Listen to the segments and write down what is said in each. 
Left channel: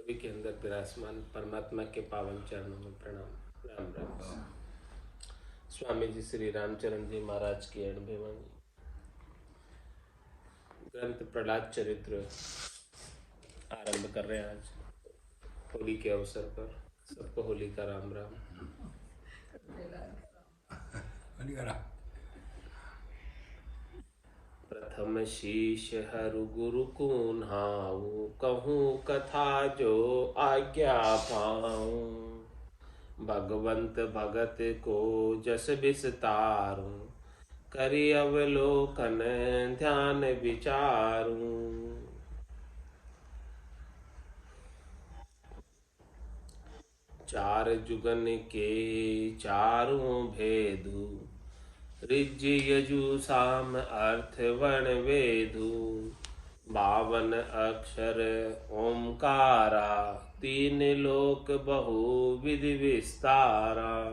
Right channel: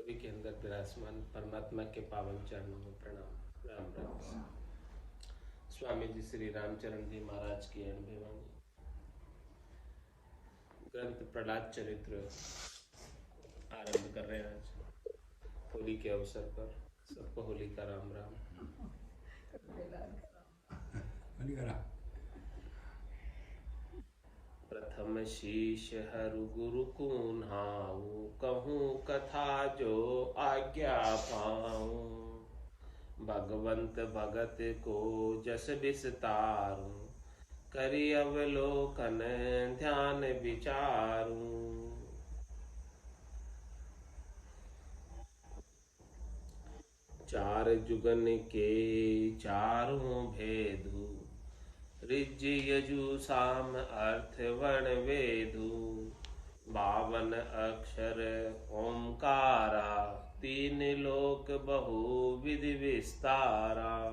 सभी के अंदर विराजमान परमात्मा के पावन चरणों में प्रणाम। राम राम। स्वामी जी श्री रामचरण जी महाराज की अणुवाणी ग्रंथ प्रहलाद चरित्र आरंभ कर रहे हैं आज होली के अवसर पर। सबको होली का राम राम। प्रथम शीश हरु गुरु को नाऊ, कहूँ कथा जो आज्ञा पाऊं। भगवंत भगत को जस विस्तारूं, करि अवलोकन ध्यान विचारूं। चार जुगन के चारों भेदु, ऋज यजु साम अर्थ वर्ण वेदु। 52 अक्षर ओंकारा, तीन लोक बहु विधि विस्तारा।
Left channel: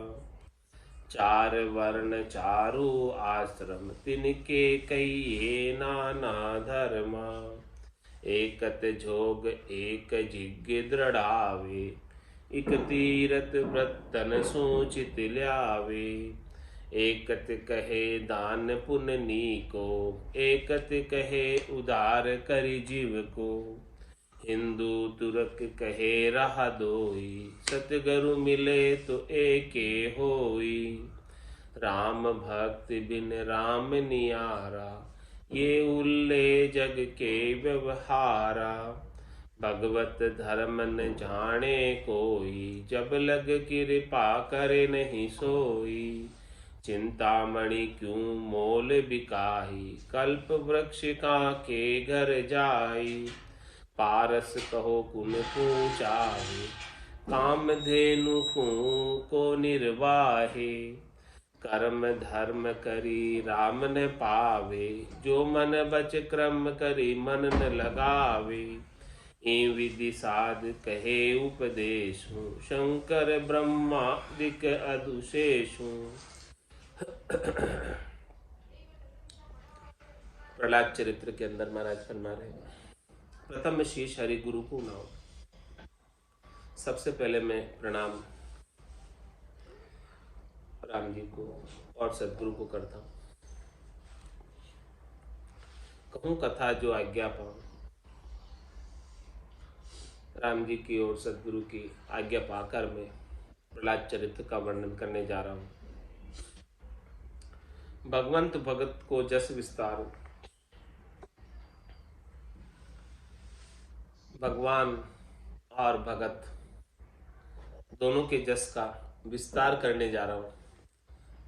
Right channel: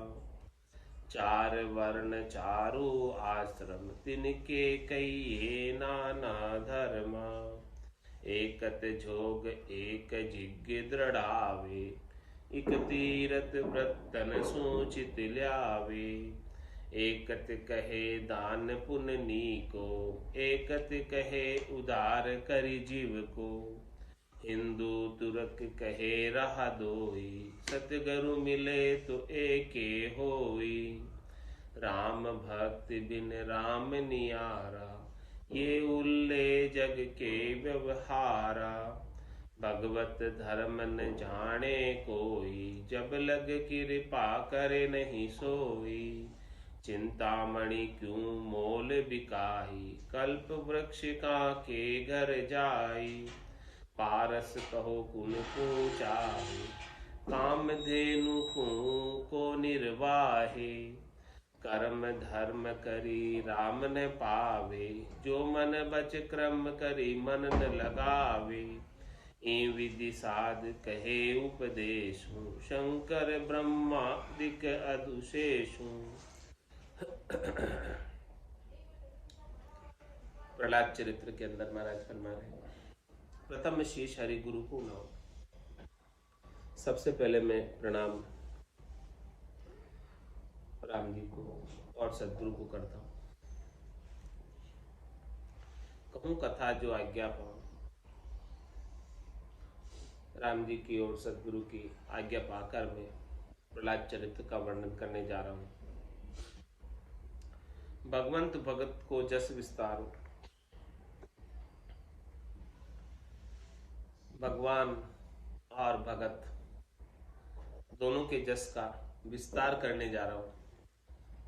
चार वर्ण चारु आश्रम, तिनके कहिए नाना धर्मा। एकत जोग एक जिज्ञ दृढ़ावे, इक तीरथ व्रतन सूचित ल्यावे। एकत कहे दान पुण्य नीको, एकत कहे उदार करि जीव को। हिंदू तुरक कहे रहा दोई, सतगुरु मिले तो एके होई। राम भक्त बिन राम नियारा, ये उल्ले जग के व्यवहारा। भगवत धर्म न जाने कोई, जब लग कृपा करे नहीं सोई। चिंतामणि क्यों मोल बिकाई, कल्प वृक्ष का के घर जाई। पारस कहो कुन पूचाहे, काम धेनु को निर्वाहे। कर्म धर्म करी राम न पावे, जो मन बच क्रम करी मन न लगावे। ई विधि साध कहे उपदेशु, शंकर ब्रह्मादिक अदुशेषु। प्रहलाद चरित्र के अंदर महाराज फरमा रहे, प्रथम शीश हरि गुरु को नाओ। सबसे पहले मैं प्रणाम राम जी को और सदगुरु को करता हूँ। कहूँ कथा जो आज्ञा पाऊं। राम जी की और सदगुरु की आज्ञा पाकर मैं प्रहलाद चरित्र का वर्णन करने जा रहा हूँ। भगवंत भगत को जस विस्तार। भगवान और भगत दोनों के जस का विस्तार करने जा रहा हूँ।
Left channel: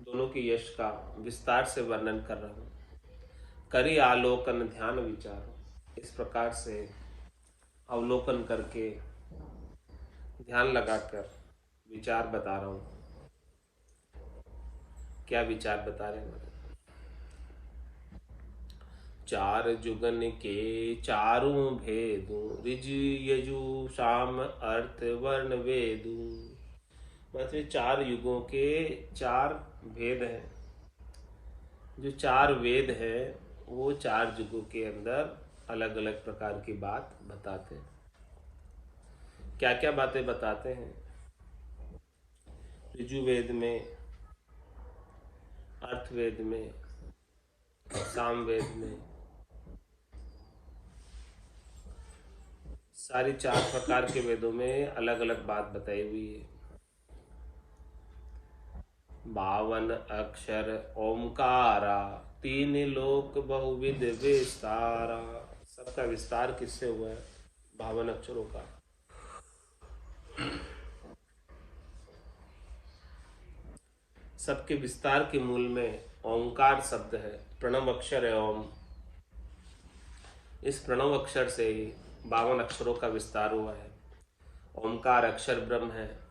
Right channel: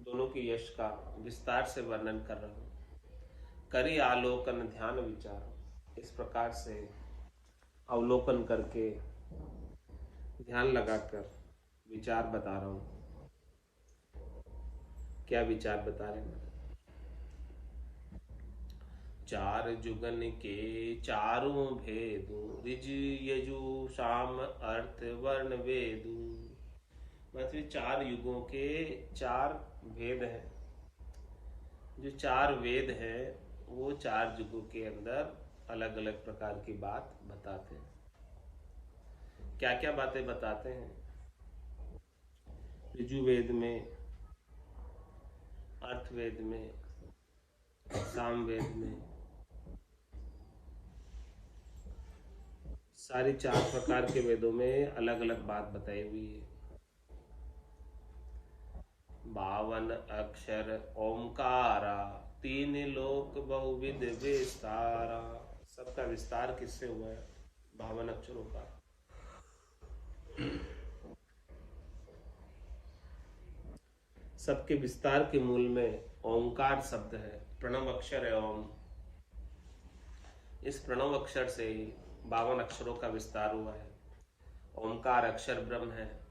दोनों के यश का विस्तार से वर्णन कर रहा हूँ। करी आलोकन ध्यान विचारो, इस प्रकार से अवलोकन करके ध्यान लगाकर विचार बता रहा हूँ। क्या विचार बता रहे हैं? चार जुगन के चारों भेदु, ऋज यजु साम अर्थ वर्ण वेदु। मतलब चार युगों के चार भेद हैं। जो चार वेद है वो चार युगों के अंदर अलग अलग प्रकार की बात बताते हैं। क्या क्या बातें बताते हैं? ऋजुवेद में, अर्थवेद में, सामवेद में, सारी चार प्रकार के वेदों में अलग अलग बात बताई हुई है। 52 अक्षर ओमकारा, तीन लोक बहुविध विस्तारा। सबका विस्तार किससे हुआ है? 52 अक्षरों का। सबके विस्तार के मूल में ओंकार शब्द है, प्रणव अक्षर है ओम। इस प्रणव अक्षर से ही 52 अक्षरों का विस्तार हुआ है। ओंकार अक्षर ब्रह्म है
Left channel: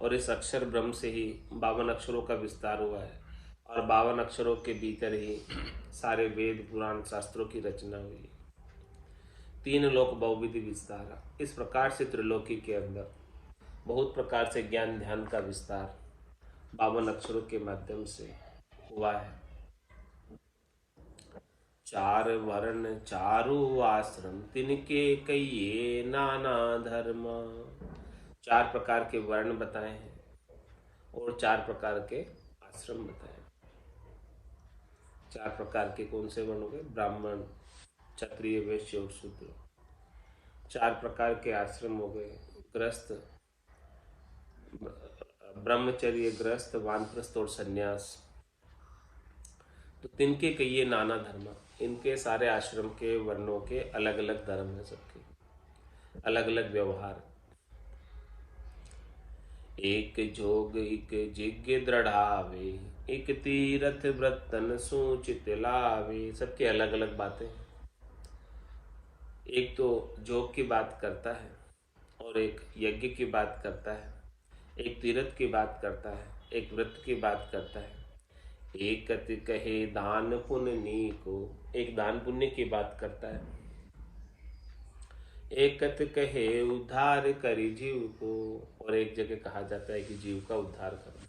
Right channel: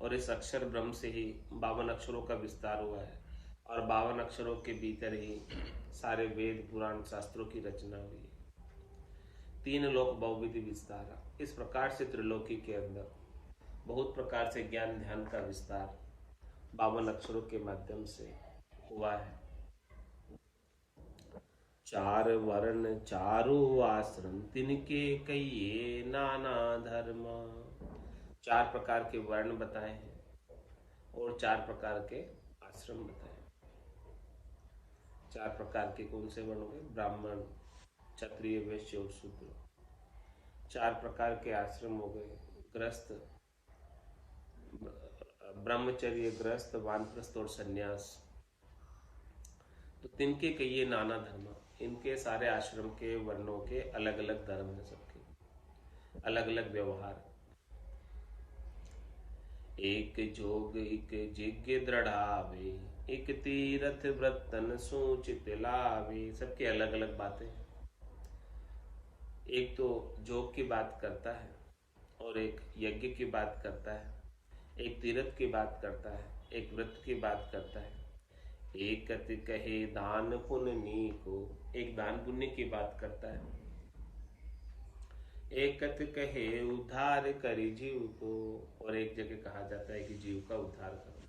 और इस अक्षर ब्रह्म से ही 52 अक्षरों का विस्तार हुआ है। और 52 अक्षरों के भीतर ही सारे वेद पुराण शास्त्रों की रचना हुई है। तीन लोक बहुविधि विस्तार। इस प्रकार से त्रिलोकी के अंदर बहुत प्रकार से ज्ञान ध्यान का विस्तार 52 अक्षरों के माध्यम से हुआ है। चार वर्ण चारु आश्रम तिनके कहिए नाना धर्म। चार प्रकार के वर्ण बताए हैं और चार प्रकार के आश्रम बताए। चार प्रकार के कौन से वर्ण हो गए? ब्राह्मण, क्षत्रिय, वैश्य और शूद्र। चार प्रकार के आश्रम हो गए, गृहस्थ, ब्रह्मचर्य, गृहस्थ, वानप्रस्थ और सन्यास। तो तिनके कहिए नाना धर्म, इनके सारे आश्रम के वर्णों के अलग अलग धर्म है, सबके अलग अलग व्यवहार। एक जोग एक जिज्ञ दृढ़ावे, एक तीरथ व्रतन सूचित लावे। सबके अलग अलग बातें। एक तो जोग की बात करता है और एक यज्ञ की बात करता है, एक तीर्थ की बात करता है, एक व्रत की बात करता है। एक कति कहे दान पुण्य को, एक दान पुण्य की बात करता है। एक कति कहे उद्धार करी जीव को, और एक जगह कहा जाता है कि जीव का उद्धार करो।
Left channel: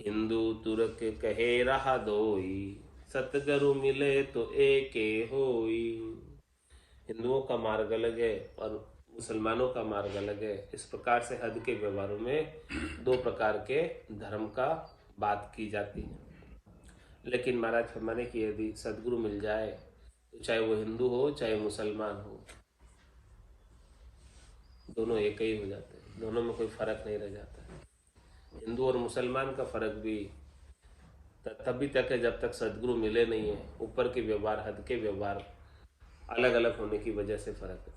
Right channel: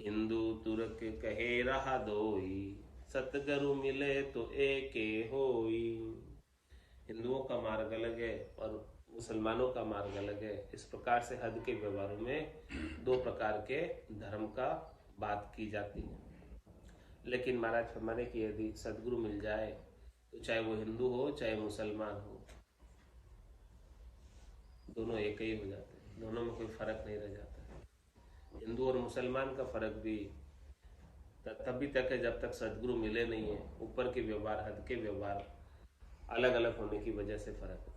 हिंदू तुर्क कहे रहा दोई, सतगुरु मिले तो एके होई। हिंदुओं का मार्ग अलग है और मुसलमानों का मार्ग अलग है। इस प्रकार से हद के व्यवहारों में दो प्रकार के धर्म का बात की जाती है। लेकिन महाराज फरमाने की यदि सदगुरु मिल जाए तो चाहे वो हिंदू हो चाहे मुसलमान हो, दोनों एक ही हो जाते हैं, दोनों में कोई फर्क नहीं रह जाता है। हिंदू और मुसलमान का फर्क भी तभी तक है जब तक सदगुरु मिले नहीं है। ऊपर के व्यवहार, हद के व्यवहार अलग अलग होने की वजह से फर्क है।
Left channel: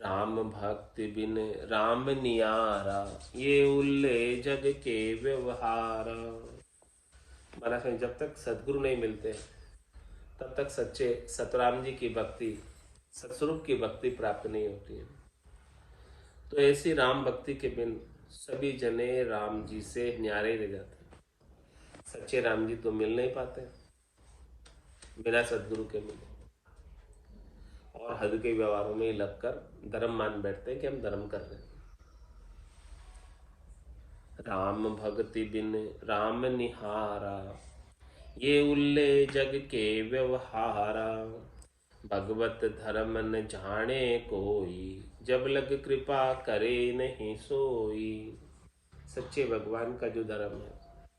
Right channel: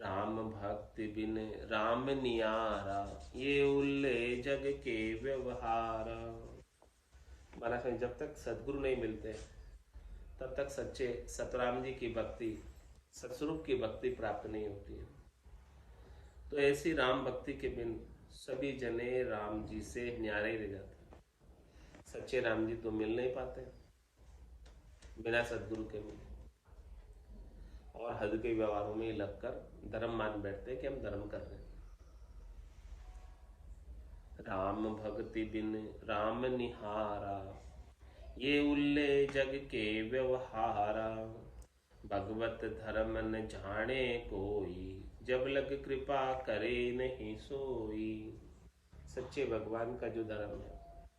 राम भक्ति बिन राम नियारा, ये उल्ले जग के व्यवहार। महाराज में जब तक सदगुरु नहीं मिलते तब तक सच्चे सतराम जी की भक्ति, सतस्वरूप की भक्ति प्राप्त नहीं होती है। तो ऐसी राम भक्ति के बिन सभी जने राम जी से न्यारे रह जाते हैं। सच्चे राम जी तो मिल नहीं पाते बिना सदगुरु के मिले, और हद के व्यवहारों में लगकर धर्म मान बैठते हैं कि हम धर्म कर रहे हैं। राम भक्ति बिन राम निहारा, ये उल्ले जग के व्यवहारा। भगवत धर्म न जाने कोई, जब लग कृपा करे नहीं सोई। सच्चे भगवान का जो धर्म है,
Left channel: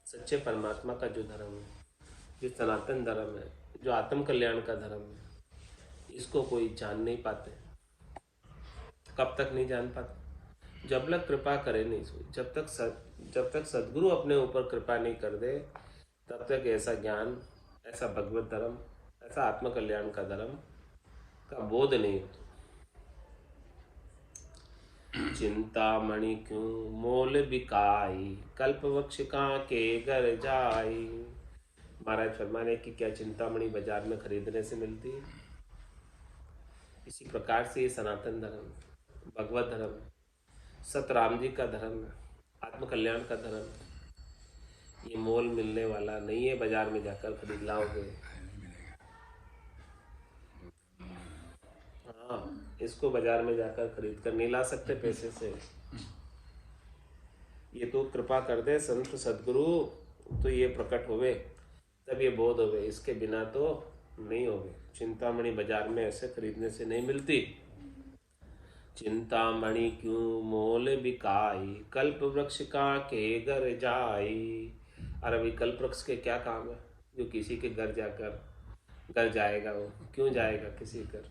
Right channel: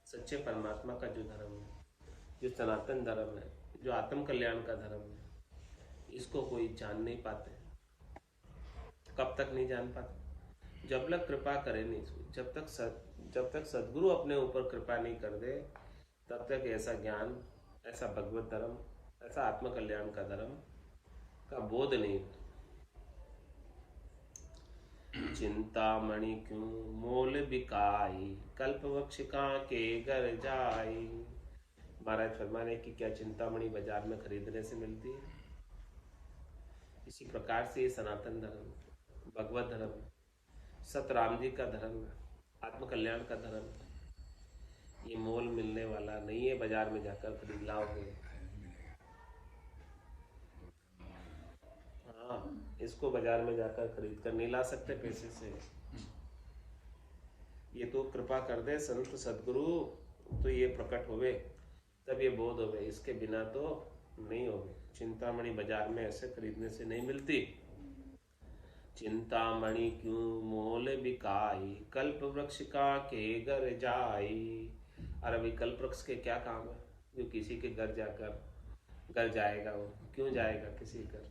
सच्चे परमात्मा का जो धर्म है, जो सनातन धर्म है, जो आत्म कल्याण का धर्म है, इसको कोई जान नहीं पाते। कब तक नहीं जान पाते? जब लग कृपा करे नहीं सोई। जब तक सदगुरु अपने ऊपर कृपा नहीं कर दे तब तक ऐसा ज्ञान, ऐसा भगवत धर्म, ऐसा आत्म कल्याण का धर्म का बोध नहीं होता। चिंतामणि क्यों मोल बिकाई, कल्प वृक्ष का के घर जाई। महाराज फरमाने की क्या चिंतामणि बाजार में खरीदने से मिलती है? इसी प्रकार से ये सनातन धर्म, भगवत धर्म, सतराम जी का धर्म, आत्म कल्याण का धर्म, ये मोल मिलने वाला नहीं है। बाजार में जाकर खरीद लाओगे, हाँ, इसको बाजार में जाकर खरीद कर नहीं ला सकते पैसे से। ये तो कृपा कर दे संत सदगुरु तो ये प्रकट होवे, तब ये बोध होवे, इसके बिना तो नहीं होवे। चिंतामणि बाजार में ऐसे खरीदने से नहीं मिलती। चिंतामणि क्यों मोल बिकाई, कल्प वृक्ष का के घर जाई। और अभी कल्प वृक्ष के क्या काम है जो किसी के घर जाकर घर जाएगा? वो क्यों जाएगा किसी घर?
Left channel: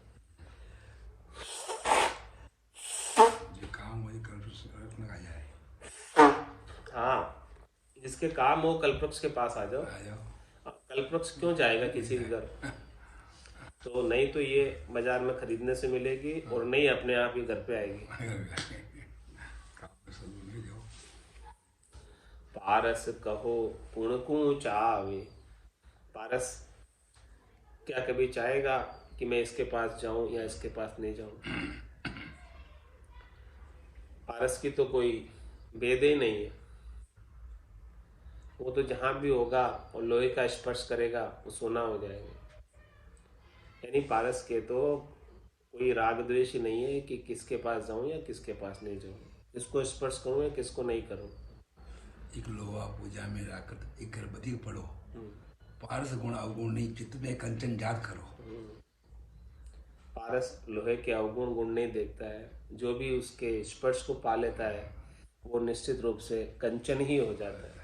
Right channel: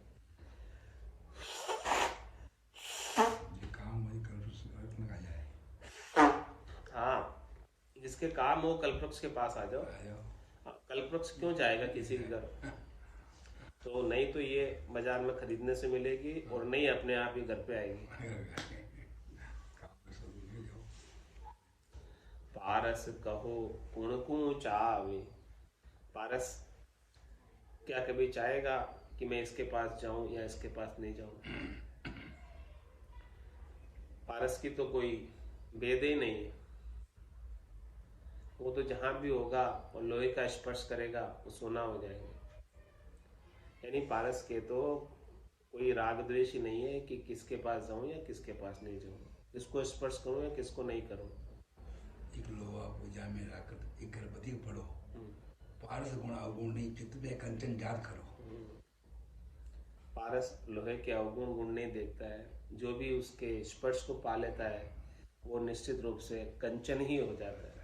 हाँ, जिसके काम हो कल्पवृक्ष के पास आ जाओ। कल्पवृक्ष क्यों जाएगा किसी के घर? तो नहीं तो ये बाजार में खरीदने से मिलेगी और नहीं अपने आप ही घर पे आएगी। पारस कहो पुण को चावे, पारस क्या कभी चाहेगा कि मैं इसके पास जाऊं या इसके पास नहीं जाऊं? पारस की तो कोई भेद ही नहीं है। वो तो जहां भी होगा और लोहे का स्पर्श करेगा वो सोना हो जाएगा। यानी पारस के तो कोई राग द्वेष ही नहीं है कि किसके पास जाऊं या किसके पास नहीं जाऊं, किसको स्पर्श करूं या किसको नहीं करूं। एक लोहा पूजा में राखत एक गर्भवती पढ़ो, पारस गुण अवगुण नहीं चित्त में कंचन जात करो। पारस लोहे के अवगुण गुण नहीं देखता है, जो भी उसके स्पर्श को पा लेता है वो निश्चित रूप से कंचन ही हो जाता है,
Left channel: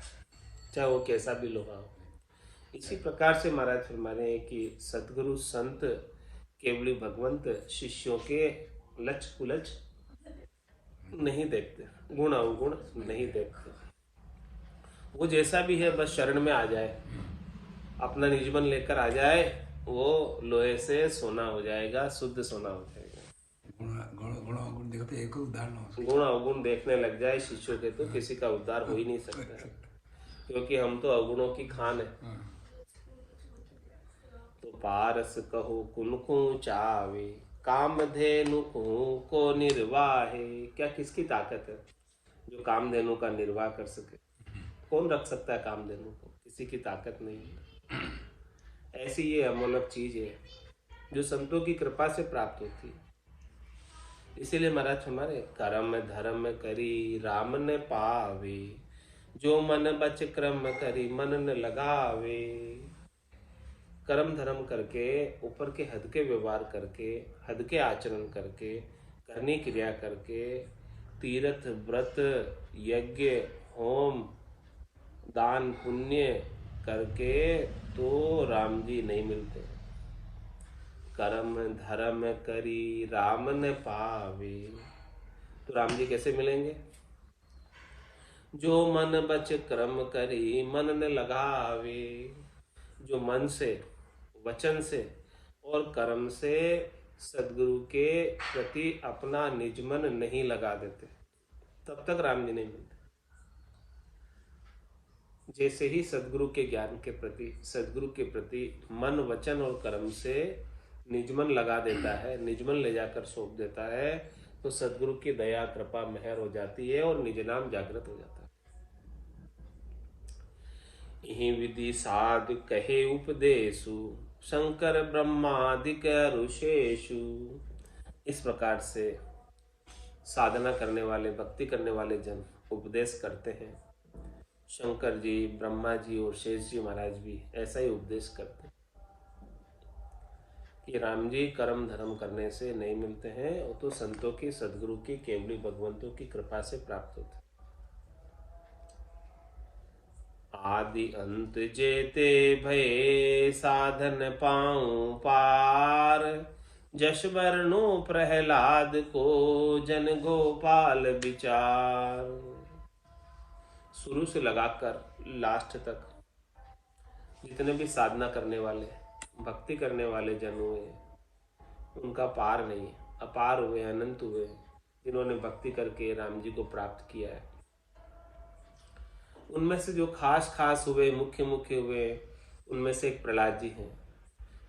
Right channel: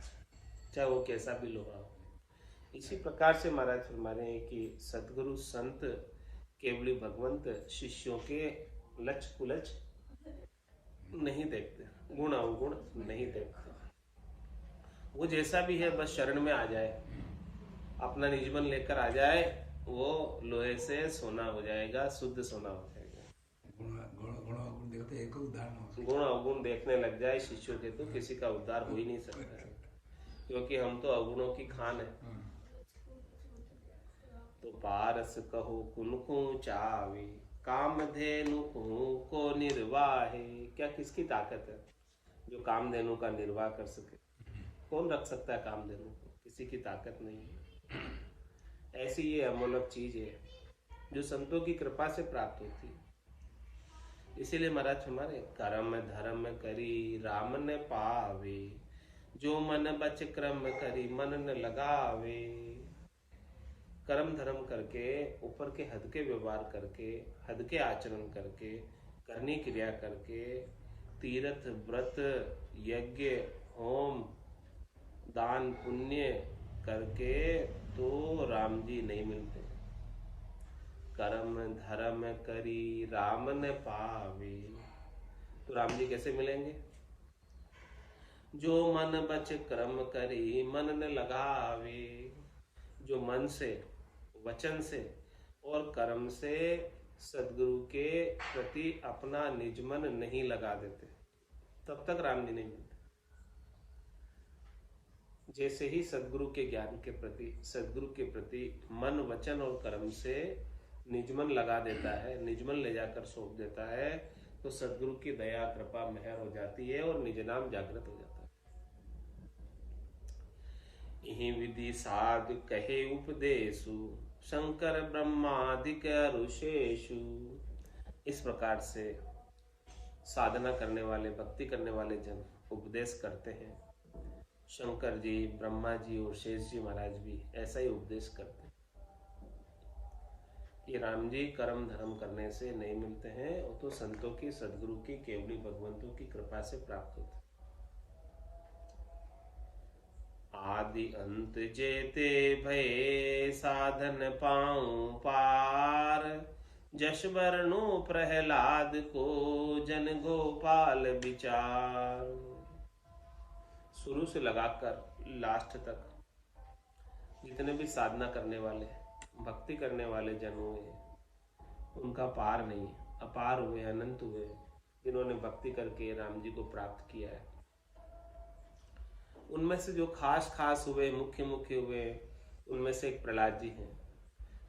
चाहे वो कैसा भी लोहा हो। इसी प्रकार से महाराज फरमाने हैं कि सतगुरु संत केवली भगवंत शिष्यों के लच कुलच नहीं देखते, गुण अवगुण नहीं देखते। वो जैसा भी है बस शरण में आ जाए, अपना निजमन लेकर आ जाए, वो लोहे से सोना हो जाएगा, शुद्ध सोना हो जाएगा। गुण अवगुण देखो तो एक उदाहरण हो, गुण अवगुण देखने लग जाए शिष्यों के तो किसी का उद्धार हो ही नहीं सकता है, क्योंकि हम तो अवगुणों की खान है। तो पारस कहो कुनकु चावे, कामधेनु को निर्वाहे। क्या किसकी ताकत है जो कामधेनु का निर्वाह कर सके? कौन रख सकता है कामधेनु को? किसी की ताकत नहीं है। ऐसी ये अमोलक चीज है जो संतों की कृपा से प्राप्त होती है। इसीलिए महाराज हमारे कर्म धर्म करी राम न पावे, जो मन बच क्रम करी मन न लगावे। कर्म धर्म करके, ऊपर के हद के व्यवहार करके, हद के आचरण करके, करनी क्रिया करके, तीर्थ व्रत यज्ञ होम दान पुण्य करके तो राम जी नहीं मिलते। कर्म धर्म करी राम न पावे, तो राम जी कैसे मिलेंगे? जो मन बच क्रम करी मन न लगावे। जो मन से, वचन से और कर्म से सदगुरु के प्रति अपना निजमन नहीं लगा देते, तब तक राम जी नहीं मिलते। जैसे ही सदगुरु के ज्ञान के प्रति, सदगुरु के प्रति मन वचन और कर्म से निजमन लगा देता है, निजमन ले जाकर सौंप देता है, तो सदगुरु की दया कृपा मेहर हो जाती है और निज नाम जागृत हो जाता है। यही विधि साधु कहे उपदेशु, शंकर ब्रह्मादिक ऋषेशु। इस प्रकार से साधना करने वाले, भक्ति करने वाले जन उपदेश करते हैं। शंकर जी, ब्रह्मा जी और शेष जी महाराज भी ऐसा ही उपदेश करते हैं कि राम जी कर्म धर्म करने से नहीं मिलते हैं, वो तो संतों की, सदगुरु की, केवली भगवंतों की कृपा से प्राप्त होते हैं। आदि अंत जेते भये साधन पाऊं पार, जश वर्णु प्रहलाद को जन गोपाल विचार। शुरू से लगाकर लास्ट तक जितने भी साधना करने वाले, भक्ति करने वाले जन हुए, उनका पार नहीं, अपार हुए, अनंत हुए, जिन्होंने भक्ति करके राम जी को प्राप्त किया है। उनमें से जो खास खास हुए, मुख्य मुख्य हुए, उनमें से एक प्रहलाद जी हैं।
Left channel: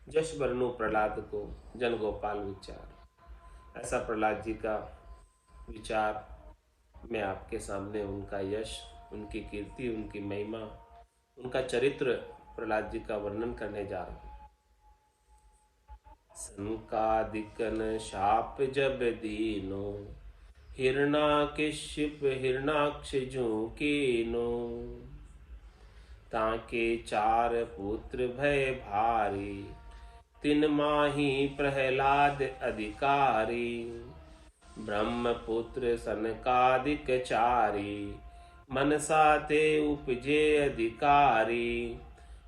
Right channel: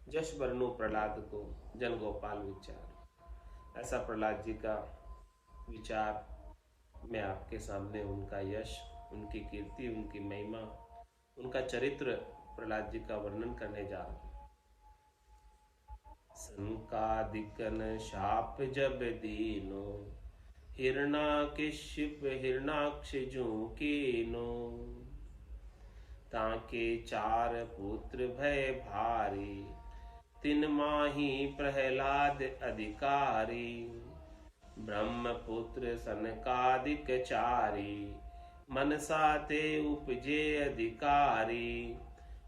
जश वर्णु प्रहलाद को जन गोपाल विचार। ऐसा प्रहलाद जी का विचार मैं आपके सामने, उनका यश, उनकी कीर्ति, उनकी महिमा, उनका चरित्र, प्रहलाद जी का वर्णन करने जा रहा हूं। संकादिकन शाप जब दीनो, हिरणाकशिप हिरणाक्ष जो कीनो। ताके चार पुत्र भय भारी, तिन माही प्रहलाद अधिकारी। ब्रह्मपुत्र सनकादिक चारी, मनसा ते उपजे अधिकारी।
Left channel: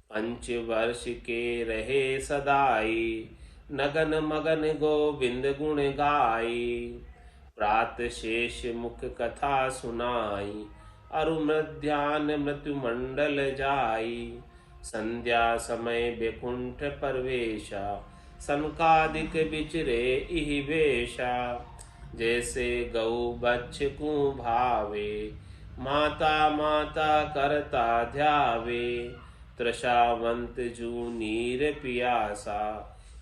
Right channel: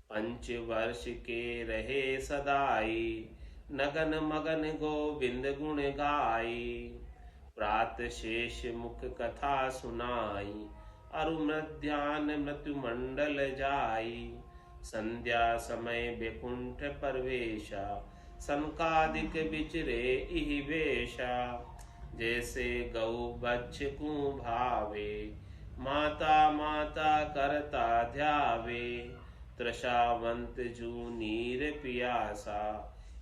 5 वर्ष के रहे सदाई, नगन मगन गोविंद गुण गाई। प्रात शेष मुख कथा सुनाई, अरु मध्यान मृत्यु मंडल जाई। संध्या समय बैकुंठ परवेशा, सनकादिक विचरे इहि वेशा। जैसे गौ बच्छ को भावे, माता माता करता ध्यावे। त्रसावंत जू नीर पियासा,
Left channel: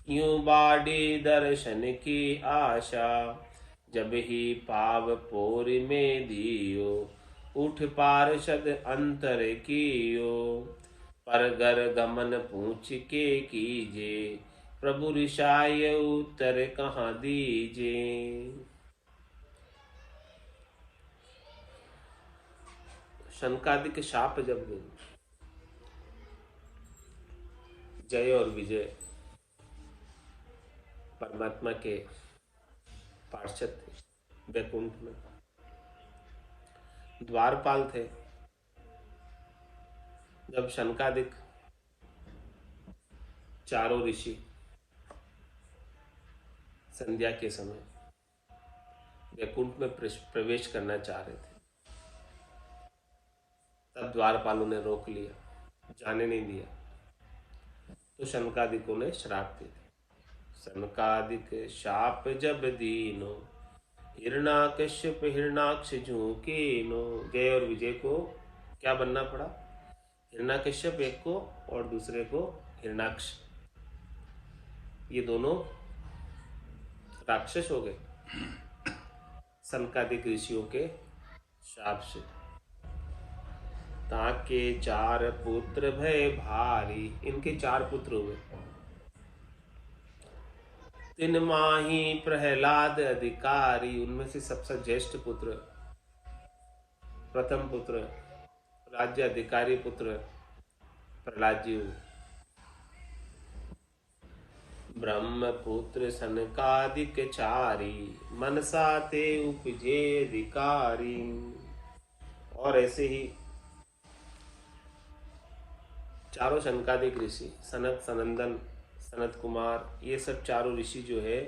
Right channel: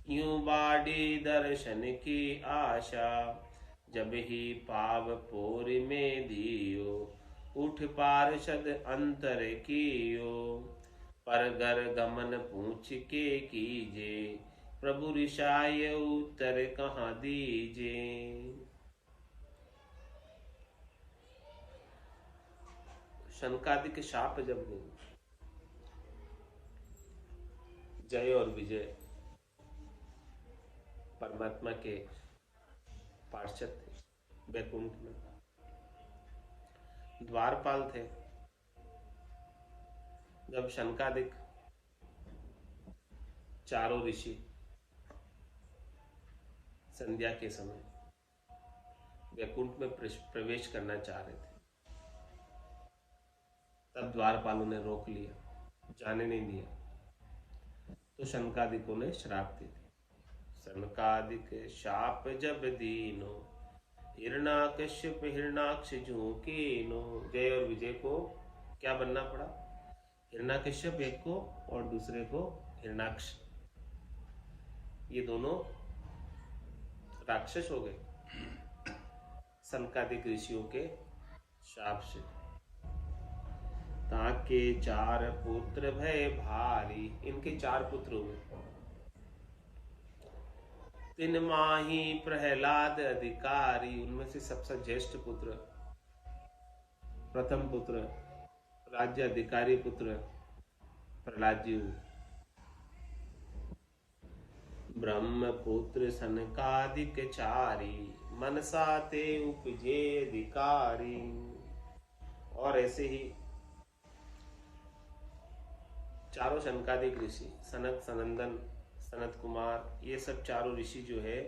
यूं बाड़ी दर्शन की आशा। जब ही पाव पोर में दियो, उठ पार्षद अंतर कियो। परगर गमन पूछ के कीजे, प्रभु ऋषाय उत्तर कहाँ दीजे। शनकादिक शाप जब गए, जय और विजय परमात्मा के पार्षद थे, वैकुंठ में द्वारपाल थे। जब शनकादिक चारों ऋषि संध्या के समय वैकुंठ में प्रवेश करना चाह रहे थे, तब द्वारपालों ने रोक लिया, जाने नहीं दिया। तो शनकादिकों ने श्राप दे दिया। शनकादिक शाप जब दीनो, हिरणाकश्यप हिरणाक्ष झूकीनो। जय और विजय को क्या बनना पड़ा? हिरणाकश्यप एक को और दूसरे को हिरणाक्ष। ये दोनों राक्षस हो गए शनकादिक ऋषियों के शाप से। ताके 4 पुत्र भय भारी, इनके 4 पुत्र हुए। तिन माही प्रहलाद अधिकारी, उनमें से सबसे ज्येष्ठ पुत्र, प्रथम पुत्र, राज्य अधिकारी पुत्र प्रहलाद जी हुए। ब्रह्मपुत्र सनकादिक चारी, मनसा ते उपजे अधिकारी। और ऐसे ही चारों शनकादिक ऋषि, सनत, सनंदन, सनत कुमार, ये सब चारों ऋषि जो है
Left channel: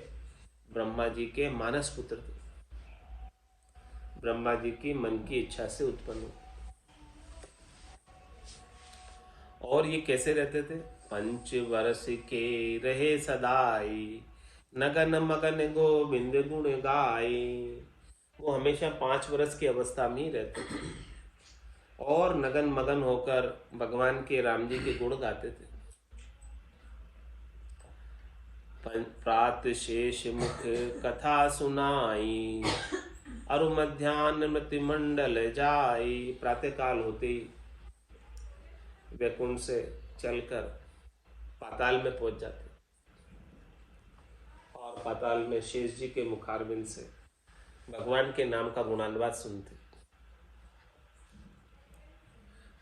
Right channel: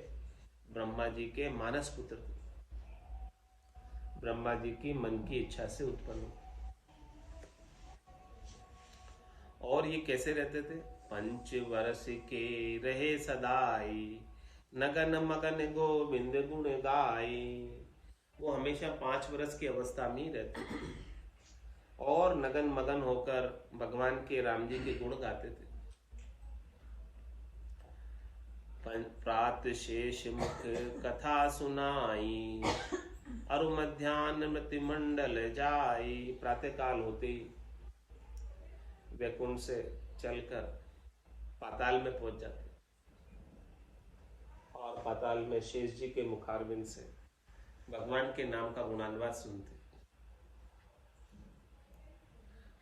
ब्रह्मा जी के मानस पुत्र थे, ब्रह्मा जी की मन की इच्छा से उत्पन्न हुए। और ये कैसे रहते थे? 5 वर्ष के रहे सदाई, नगन मगन गोविंद गुण गाए। वो हमेशा 5 वर्ष की अवस्था में ही रहते थे और नगन मगन होकर भगवान के राम जी के गुण गाते थे। प्रात शेष मुख कथा सुनाई, अरु मध्यान्ह मृत्यु मंडल जाई। प्रातः काल होते ही वैकुंठ से चलकर पाताल में पहुंच जाते और पाताल में शेष जी के मुखारविंद से भगवान के नाम का गुणानुवाद सुनते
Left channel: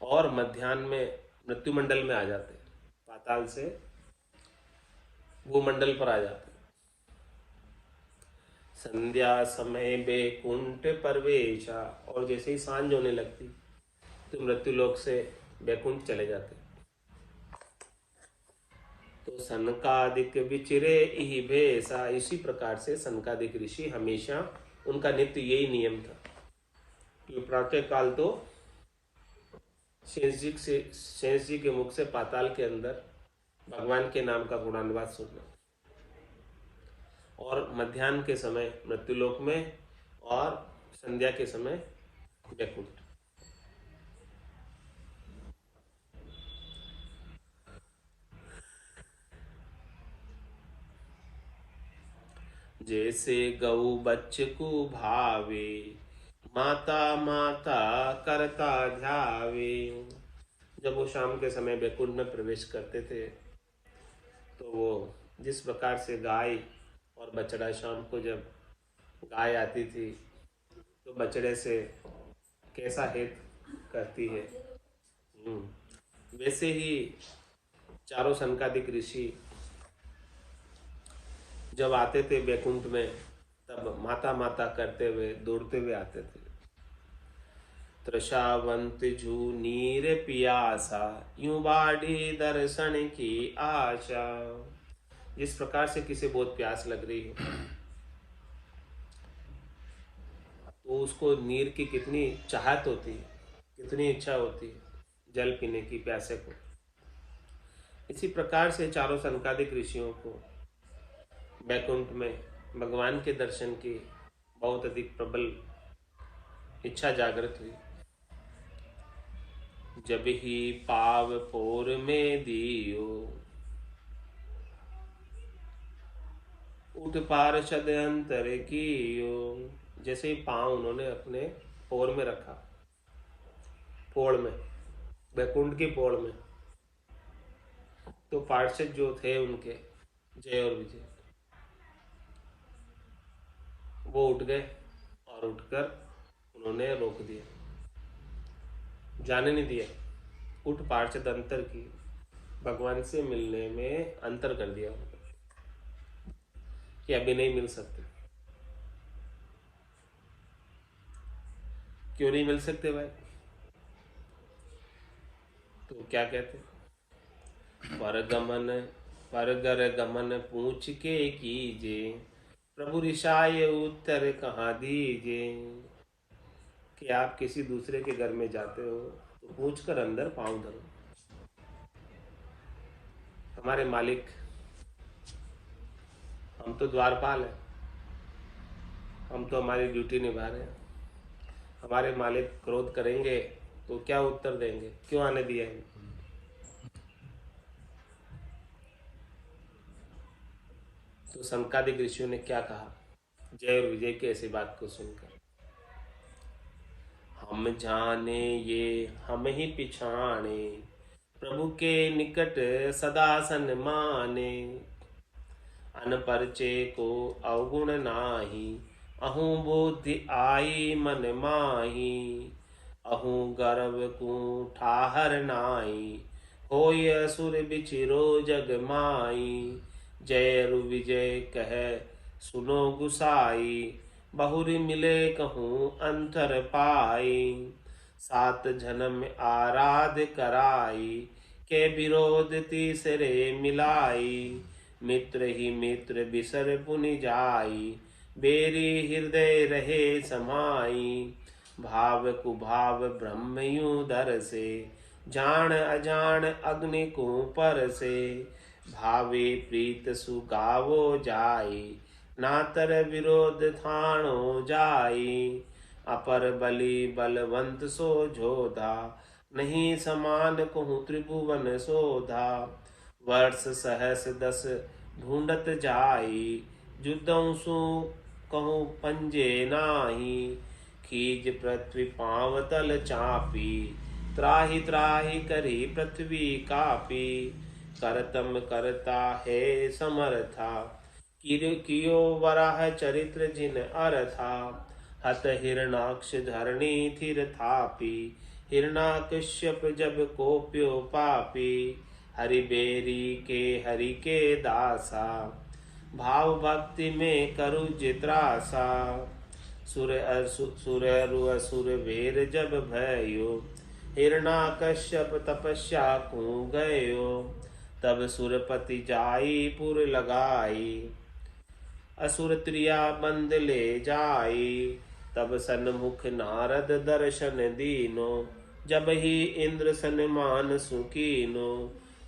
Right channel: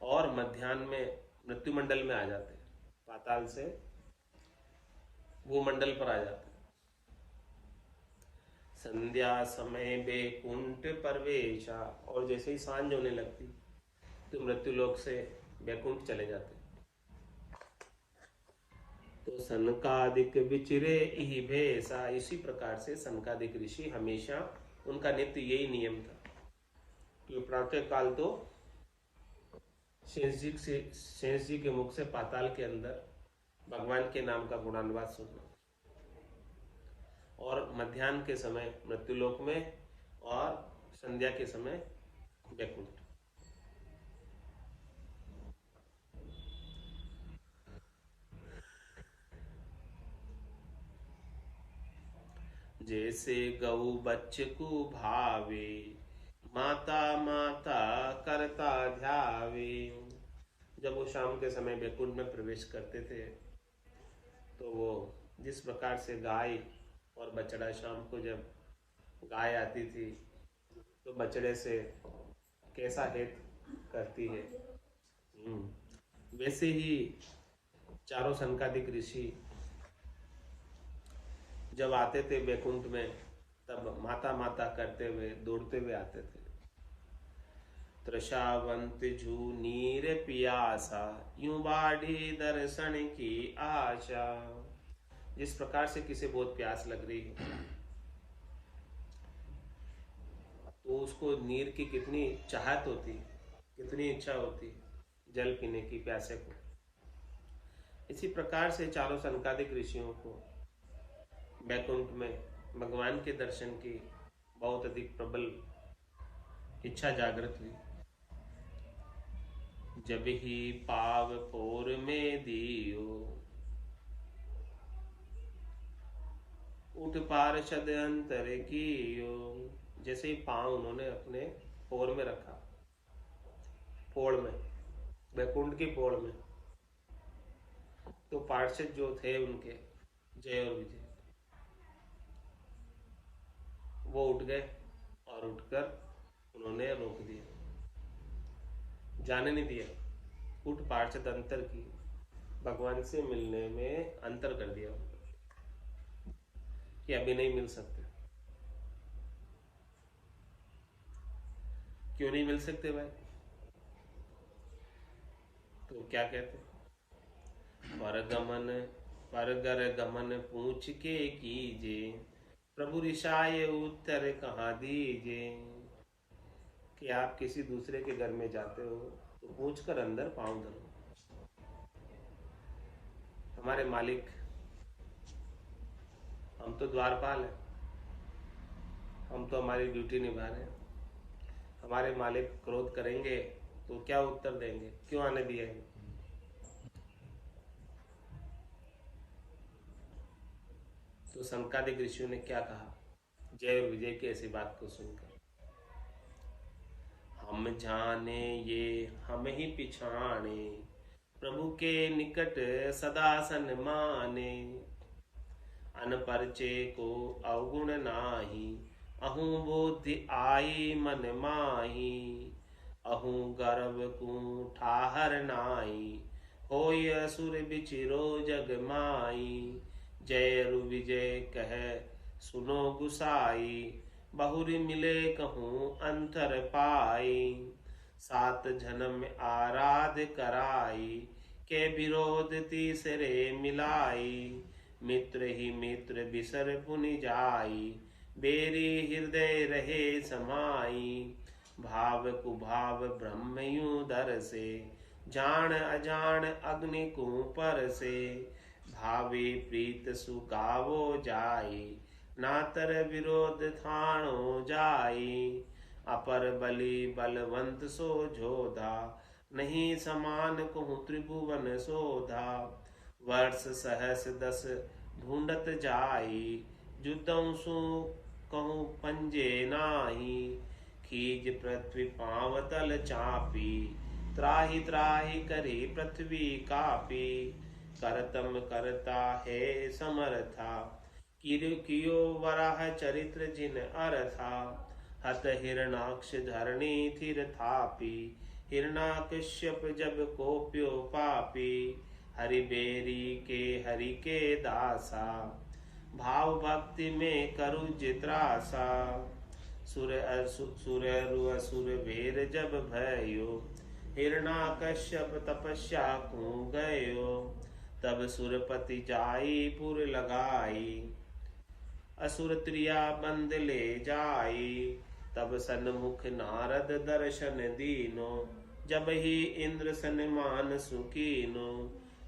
और मध्यान्ह में मृत्युमंडल में आ जाते, पाताल से वो मंडल पर आ जाते। संध्या समय बैकुंठ प्रवेशा, और जैसे ही सांझ होने लगती तो मृत्युलोक से बैकुंठ चले जाते। तो सनकादिक विचिरे इहि भेषा, इसी प्रकार से सनकादिक ऋषि हमेशा, उनका नित्य यही नियम था कि प्रातः काल तो शेष जी के मुख से पाताल के अंदर भगवान के नाम का गुणानुवाद सुनना, और मध्याह्न के समय मृत्युलोक में, और संध्या के समय वैकुंठ। जैसे गौ बच्च को भावे, माता माता करता ध्यावे। जब वो शाम के समय वैकुंठ में प्रवेश करते थे तो वो जिस प्रकार से गाय और बछड़ा, शाम को जब गाय आती थी तो बछड़े से कैसा हित करती है, वैसे ही चारों सनकादिक ऋषि जब आते थे वैकुंठ में तब माता माता करते हुए दौड़ते हुए आते थे। तृषावंत जू नीर पियासा, यूं बाढ़ी दर्शन की आशा। जिस प्रकार से किसी बहुत प्यास लग रही हो तो उसको नीर की कितनी चाहत होती है, कितनी इच्छा होती है जल पीने की प्यासे को। इसी प्रकार से चारों सनकादिक ऋषियों को वैकुंठ में भगवान के दर्शन की बहुत अधिक प्रबल इच्छा जागृत हुई। जब ही पाव पोर में दियो, उठ पार्षद अंतर कियो। जैसे ही पांव उन्होंने अपने पोर में रखा, पोड़ में, वैकुंठ की पोड़ में, तो पार्षद जो थे उनके जय और विजय, वो उठ गए और उठकर उन्होंने रोक दिया। जाने नहीं दिया। उठ पार्षद अंतर की, भगवान से मिलने में अंतर कर दिया कि अभी नहीं मिल सकते। क्यों नहीं मिल सकते भाई? तो क्या कहते? परगर गमन पूछ के कीजे, प्रभु रिसाए उत्तर कहाँ दीजे। कि आप किसी दूसरे के घर में जाते हो तो पूछ कर अंदर पांव धरो। हमारे मालिक, हम तो द्वारपाल हैं, हम तो हमारी ड्यूटी निभा रहे हैं। हमारे मालिक क्रोध करेंगे तो क्या उत्तर देंगे? क्यों आने दिया है? तो संकादिक ऋषियों ने क्या कहा जय और विजय की ऐसी बात को सुनकर? हम जाने ये हम ही पिछाने, प्रभु के निकट सदा सन्माने। अनपरचे को अवगुण नाही, अहूँ बुद्धि आई मन माही। अहूँ गर्व को ठाहर नाई, होय असुर बिचिरो जग माई। जय रु विजय कह सुनो गुसाई, बहुरी मिले कहूँ अंतर पाई। सात जन्म आराध कराई, के विरोध तीसरे मिलाई। मित्र ही मित्र बिसर पुनि जाई, बेरी हृदय रहे समाई। भाव कुभाव ब्रह्म यूं दर से, जान अजान अग्नि को पर से। भावे प्रीत सुगावो जाई, नातर विरोध थाणो जाई। अपर बलि बलवंत सो जोधा, नहीं समान कहूँ त्रिभुवन सोधा। वर्ष सहस 10 ढूंढत जाई, जुदों सो कहूँ पंजे नाही। खीज पृथ्वी पांव तल चापी, त्राहि त्राहि करी पृथ्वी कापी। करतम करता है समर्था, कियो वराह चरित्र जिन अरथा। हत हिरणाक्ष धरणी थिर थापी, हिरणाकश्यप जब कोप्यो पापी। हरि बेरी के हरि के दासा, भाव भक्ति में करु जित्रासा। सुर अरु असुर वीर जब भयो, हिरणाकश्यप तपस्या को गयो। तब सुरपति जाई पुर लगाई, असुर त्रिया बंद ले जाई। तब सन्मुख नारद दर्शन दीनो, जब ही इंद्र सन्मान सुकीनो।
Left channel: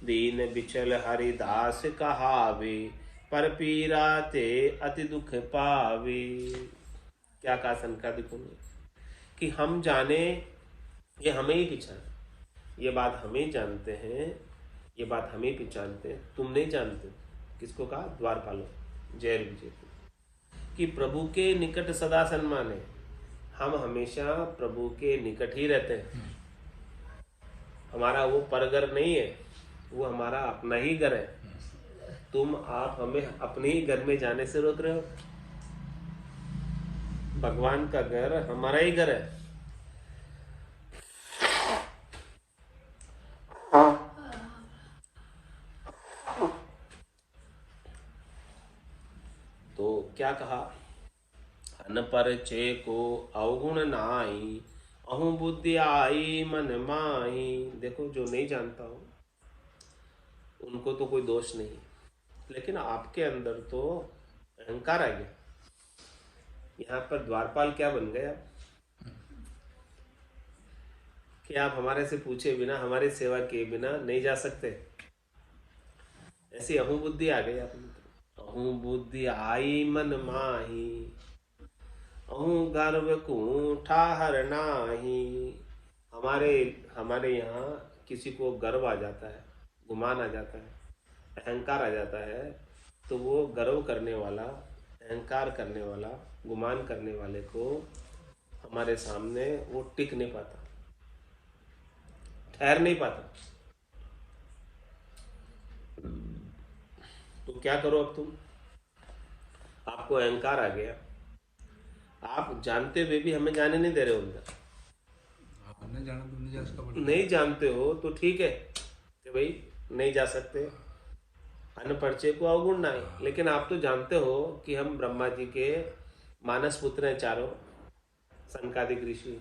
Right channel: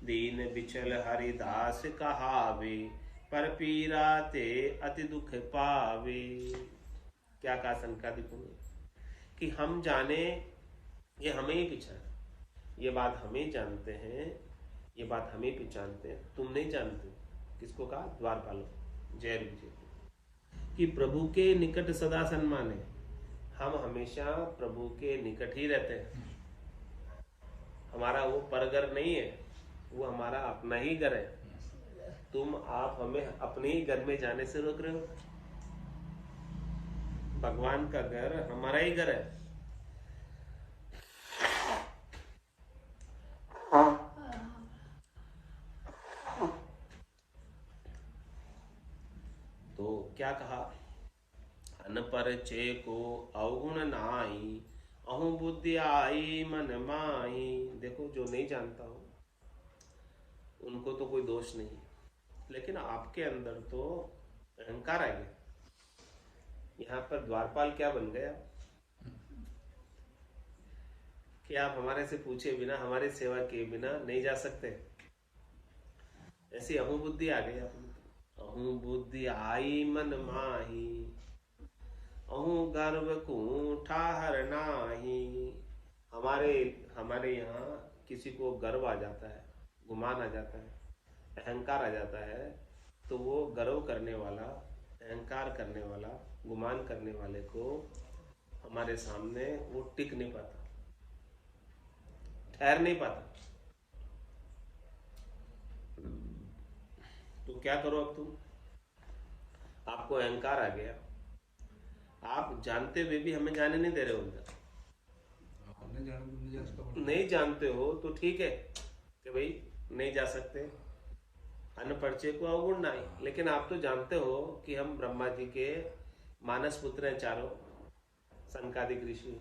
दीन बिचल हरिदास कहावे, पर पीरा ते अति दुख पावे। क्या कहा संकादिकों ने? कि हम जाने ये हमें ही पहचाने, ये बात हम ही जानते हैं, ये बात हम ही पहचानते हैं, तुम नहीं जानते। किसको कहा? द्वारपालों, जय विजय को, कि प्रभु के निकट सदा सन्मान है। हम हमेशा प्रभु के निकट ही रहते हैं। हमारा वो परघर नहीं है, वो हमारा अपना ही घर है। तुम आप हमें अपने ही घर में जाने से रोक रहे हो। भगवान का घर हमारा ही घर है। तो क्या कहा? अनपरचय को अवगुण नाई, अहूँ बुद्धि आई मन माही। देखो, जो नहीं जानता हो उनको तो कोई दोष नहीं, लेकिन आपके अंदर तो अहंकार आ गया। यहाँ पर द्वारपाल क्या बन गया कि आप हमारे से पूछे बिना, हमारी सेवा किए बिना नहीं जा सकते। ऐसी अहू बुद्धि आ गई आप में। अहू बुद्धि आई मन माही, अहू गर्व को ठाहर नाही। हमारे हमारे यहाँ किसी को गर्व आ जाता है, गुमान आ जाता है, अहंकार आ जाता है, तो वो गर्व करने वाला, अहंकार करने वाला, गुमान करने वाले को हमारे सामने वो टिक नहीं पाता, ठहर नहीं पाता। तो क्या करो अब तुम? आपको अहंकार आ गया, आप जानते हुए भी हमें जाने नहीं दे रहे हो अंदर। न जाना तो न दिया उसका मतलब। नहीं जानते हो तो ठीक है कि भाई नहीं जा सकते, अनपरिचय को अवगुण ना है। लेकिन आप तो जानते हो कि हम ब्रह्मा जी के मानस पुत्र हैं चारों, सनकादिक ऋषि,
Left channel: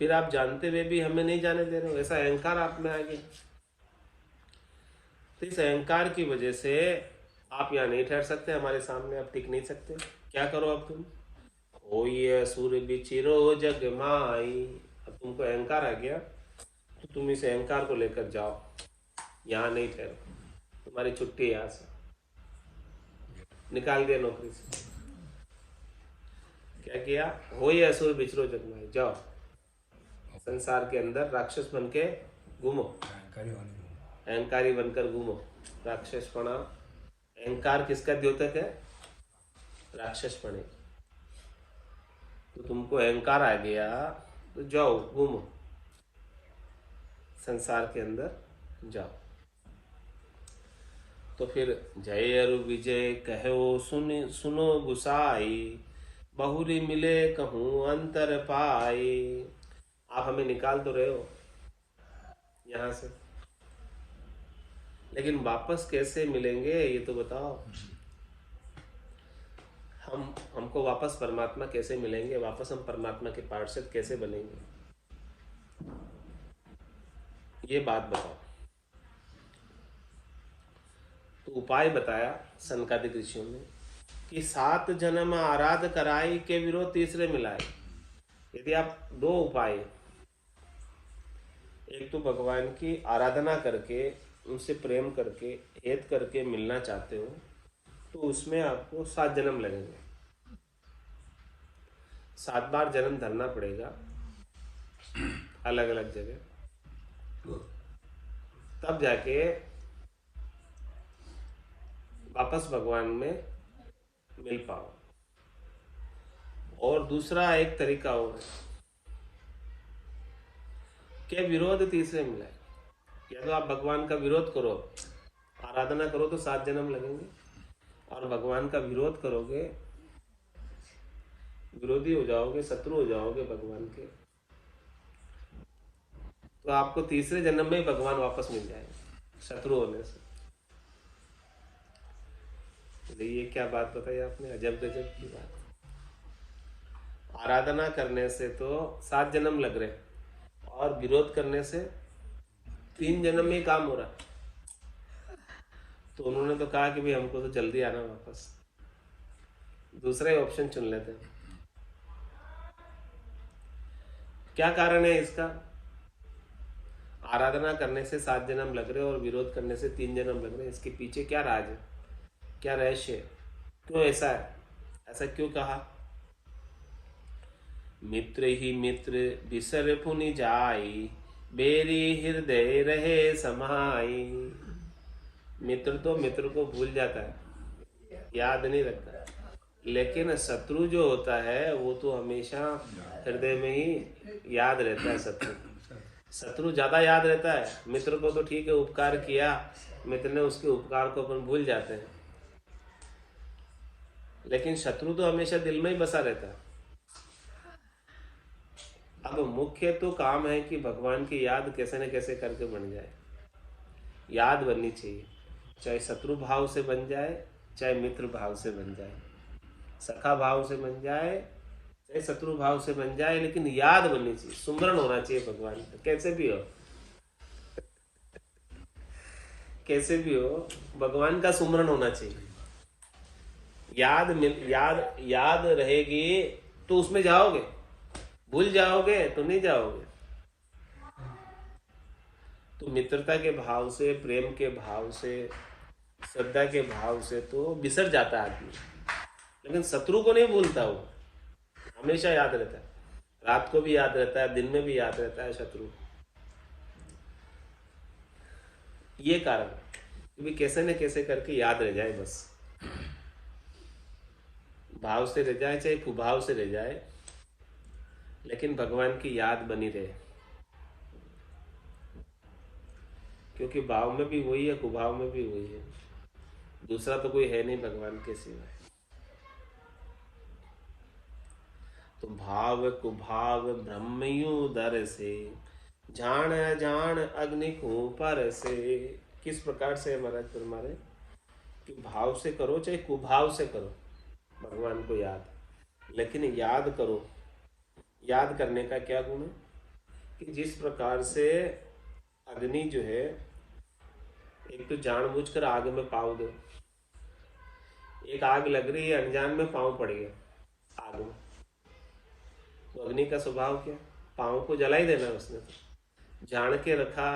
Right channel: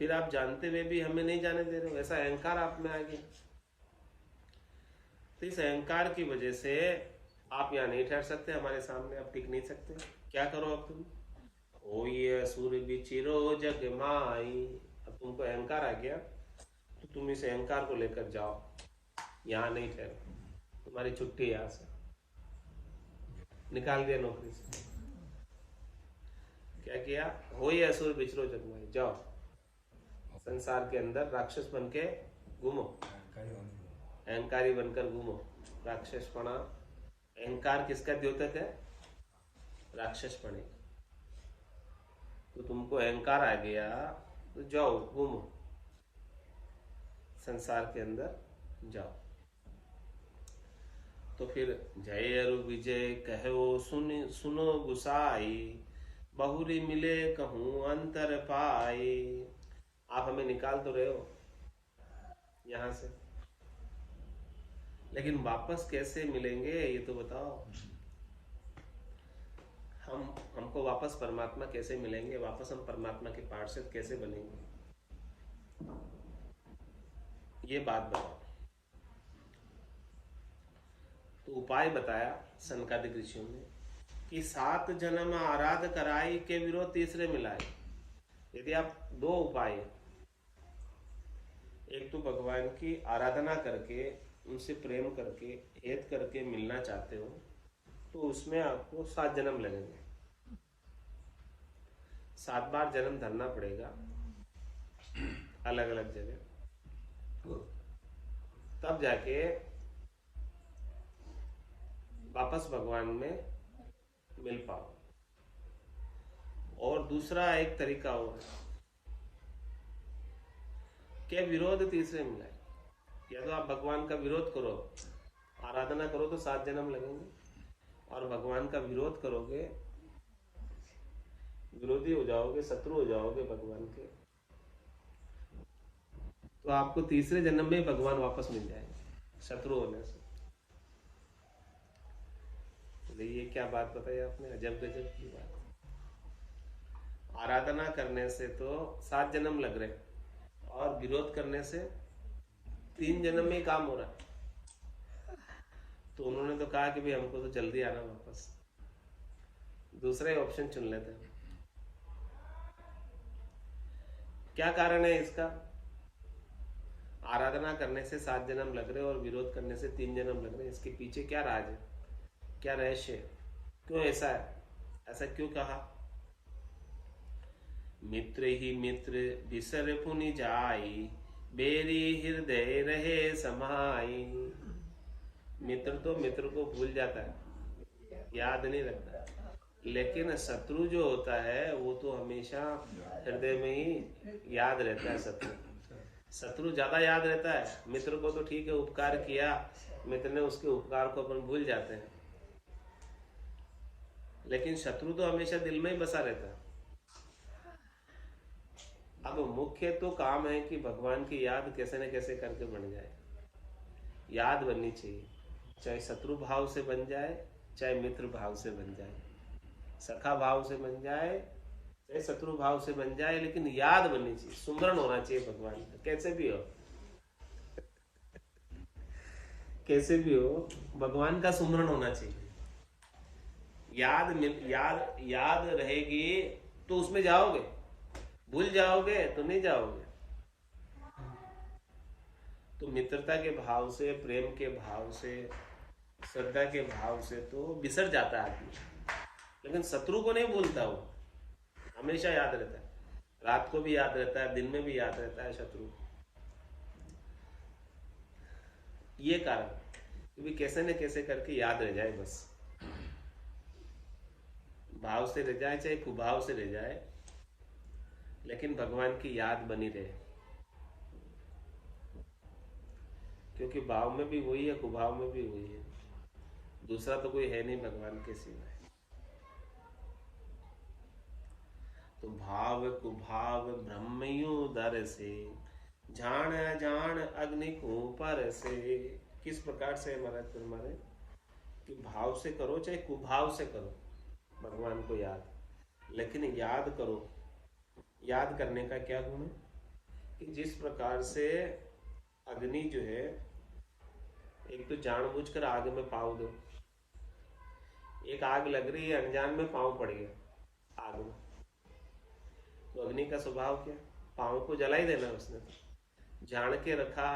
फिर आप जानते हुए भी हमें नहीं जाने दे रहे हो, ऐसा अहंकार आप में आ गया। तो इस अहंकार की वजह से आप यहाँ नहीं ठहर सकते, हमारे सामने आप टिक नहीं सकते। क्या करो अब तुम, हो ये असुर बिचिरो जग माई। अब तुमको अहंकार आ गया तो तुम इस अहंकार को लेकर जाओ, यहाँ नहीं ठहरो, तुम्हारी छुट्टी है, यहाँ से निकाल दिया नौकरी से। क्या किया, हो ये असुर बिचरो जग माई, जाओ संसार के अंदर राक्षस बन के घूमो, अहंकारी बनकर घूमो। राक्षसपना, अहंकार किसका द्योतक है, राक्षसपने। तो तुमको अहंकार आ गया तो जाओ घूमो, संसार के अंदर जाओ। तो फिर जय अरु विजय कहो सुनो गुसाई, बहुरी मिले कहूँ अंतर पाए। आप हमें निकाल तो रहे हो यहाँ से, लेकिन वापस कैसे मिलेंगे ये तो बताओ। हमको वापस परमात्मा कैसे मिलेंगे, वापस हम परमात्मा के पार्षद कैसे बनेंगे, ये बात बताओ। तो उपाय बताया सनकादिक ऋषियों ने कि 7 जन्म आराध कराई के विरोध तीसरे मिलाए। यदि आप 2 उपाय, एक तो भगवान की आराधना करके उनसे प्रेम करके हेत करके मिलना चाहते हो तो उसमें आपको 7 जन्म लगेंगे, 7 बार जन्म धरना पड़ेगा अलग अलग जगह, तब जाके वापस भगवान में मिल पाओ। और दूसरा एक तरीका और है कि विरोध तीसरे मिलाए। या तो आप भगवान का विरोध करो, आराधना करो तो 7 जन्म लगेंगे, और भगवान का विरोध करोगे, विरोधी हो जाओगे, शत्रु हो जाओगे भगवान के, तो आपको तीसरे जन्म में भगवान वापस मिल जाएंगे शत्रु होने से। ये क्या बात बताई आपने, अजब गजब की बात। आराधना करने से तो 7 जन्म लग रहे, और विरोध करने से 3 जन्म में ही काम हो रहा है। तो उन्होंने तो कहा कि भाई हमको तो जल्दी आना वापस, दूसरा ही ऑप्शन चुन लेते हैं। क्या कारण है इसका, आराधना करने से 7 जन्म लग रहे और विरोध करने से 3 जन्म लग रहे, इसके पीछे क्या राज है, क्या रहस्य है, क्यों ऐसा है, ऐसा क्यों कहा। मित्र ही मित्र बिसर पुनि जाई, बेरी हृदय रहे समाई। मित्र तो मित्र को भूल जाता है, याद नहीं रखता है, लेकिन शत्रु जो होता है वो तो हमेशा हृदय में ही याद रहता है। शत्रु ज्यादा याद रहता है, मित्र को तो ठीक है उपकार किया, मित्र ने उसके उपकार को अपन भूल जाते हैं, लेकिन शत्रु तो हमेशा दिल में ही बसा रहता है। अब मुख्य तो काम है कि भगवान की याद कैसे न कैसे करके बन जाए, याद बननी चाहिए, चाहे शत्रु भाव से बन जाए चाहे मित्र भाव से बन जाए, सखा भाव से बन जाए चाहे शत्रु भाव से बन जाए, लेकिन याद बननी चाहिए, सुमरण होना चाहिए भगवान का, कैसे भी हो कैसे भी हो भगवान का सुमरण होना चाहिए। याद रहेगी तो उसमें जाओगे, भूल जाओगे तो नहीं जाओगे। तो मित्रता के भाव से, प्रेम के भाव से, श्रद्धा के भाव से तो बिसर जाता है आदमी, लेकिन शत्रु को नहीं भूलता, वो हमेशा याद रहता है, रात को भी याद रहता है, दिन में भी याद रहता है शत्रु। ये कारण क्योंकि कैसे न कैसे करके याद रह जाए, बस भाव से रह जाए चाहे कुभाव से रह जाए, लेकिन भगवान की याद बनी रहे, क्योंकि भाव में भी वही है, कुभाव में भी वही है, दूसरा तो कोई है नहीं भगवान के सिवाय। तो भाव कुभाव ब्रह्मयु दर से, जान जान अग्नि को पर से। किस प्रकार से महाराज फरमारे कि भाव से करो चाहे कुभाव से करो भगवान को याद, लेकिन याद करो। याद करने का क्या गुण है कि जिस प्रकार से अग्नि जो है, एक तो जानबूझकर आग में पाँव दो, एक आग लग रही है अनजान में पाँव पड़ गया आग में, तो अग्नि का स्वभाव क्या, पाँव को जला ही देना उसने। तो जान के रखा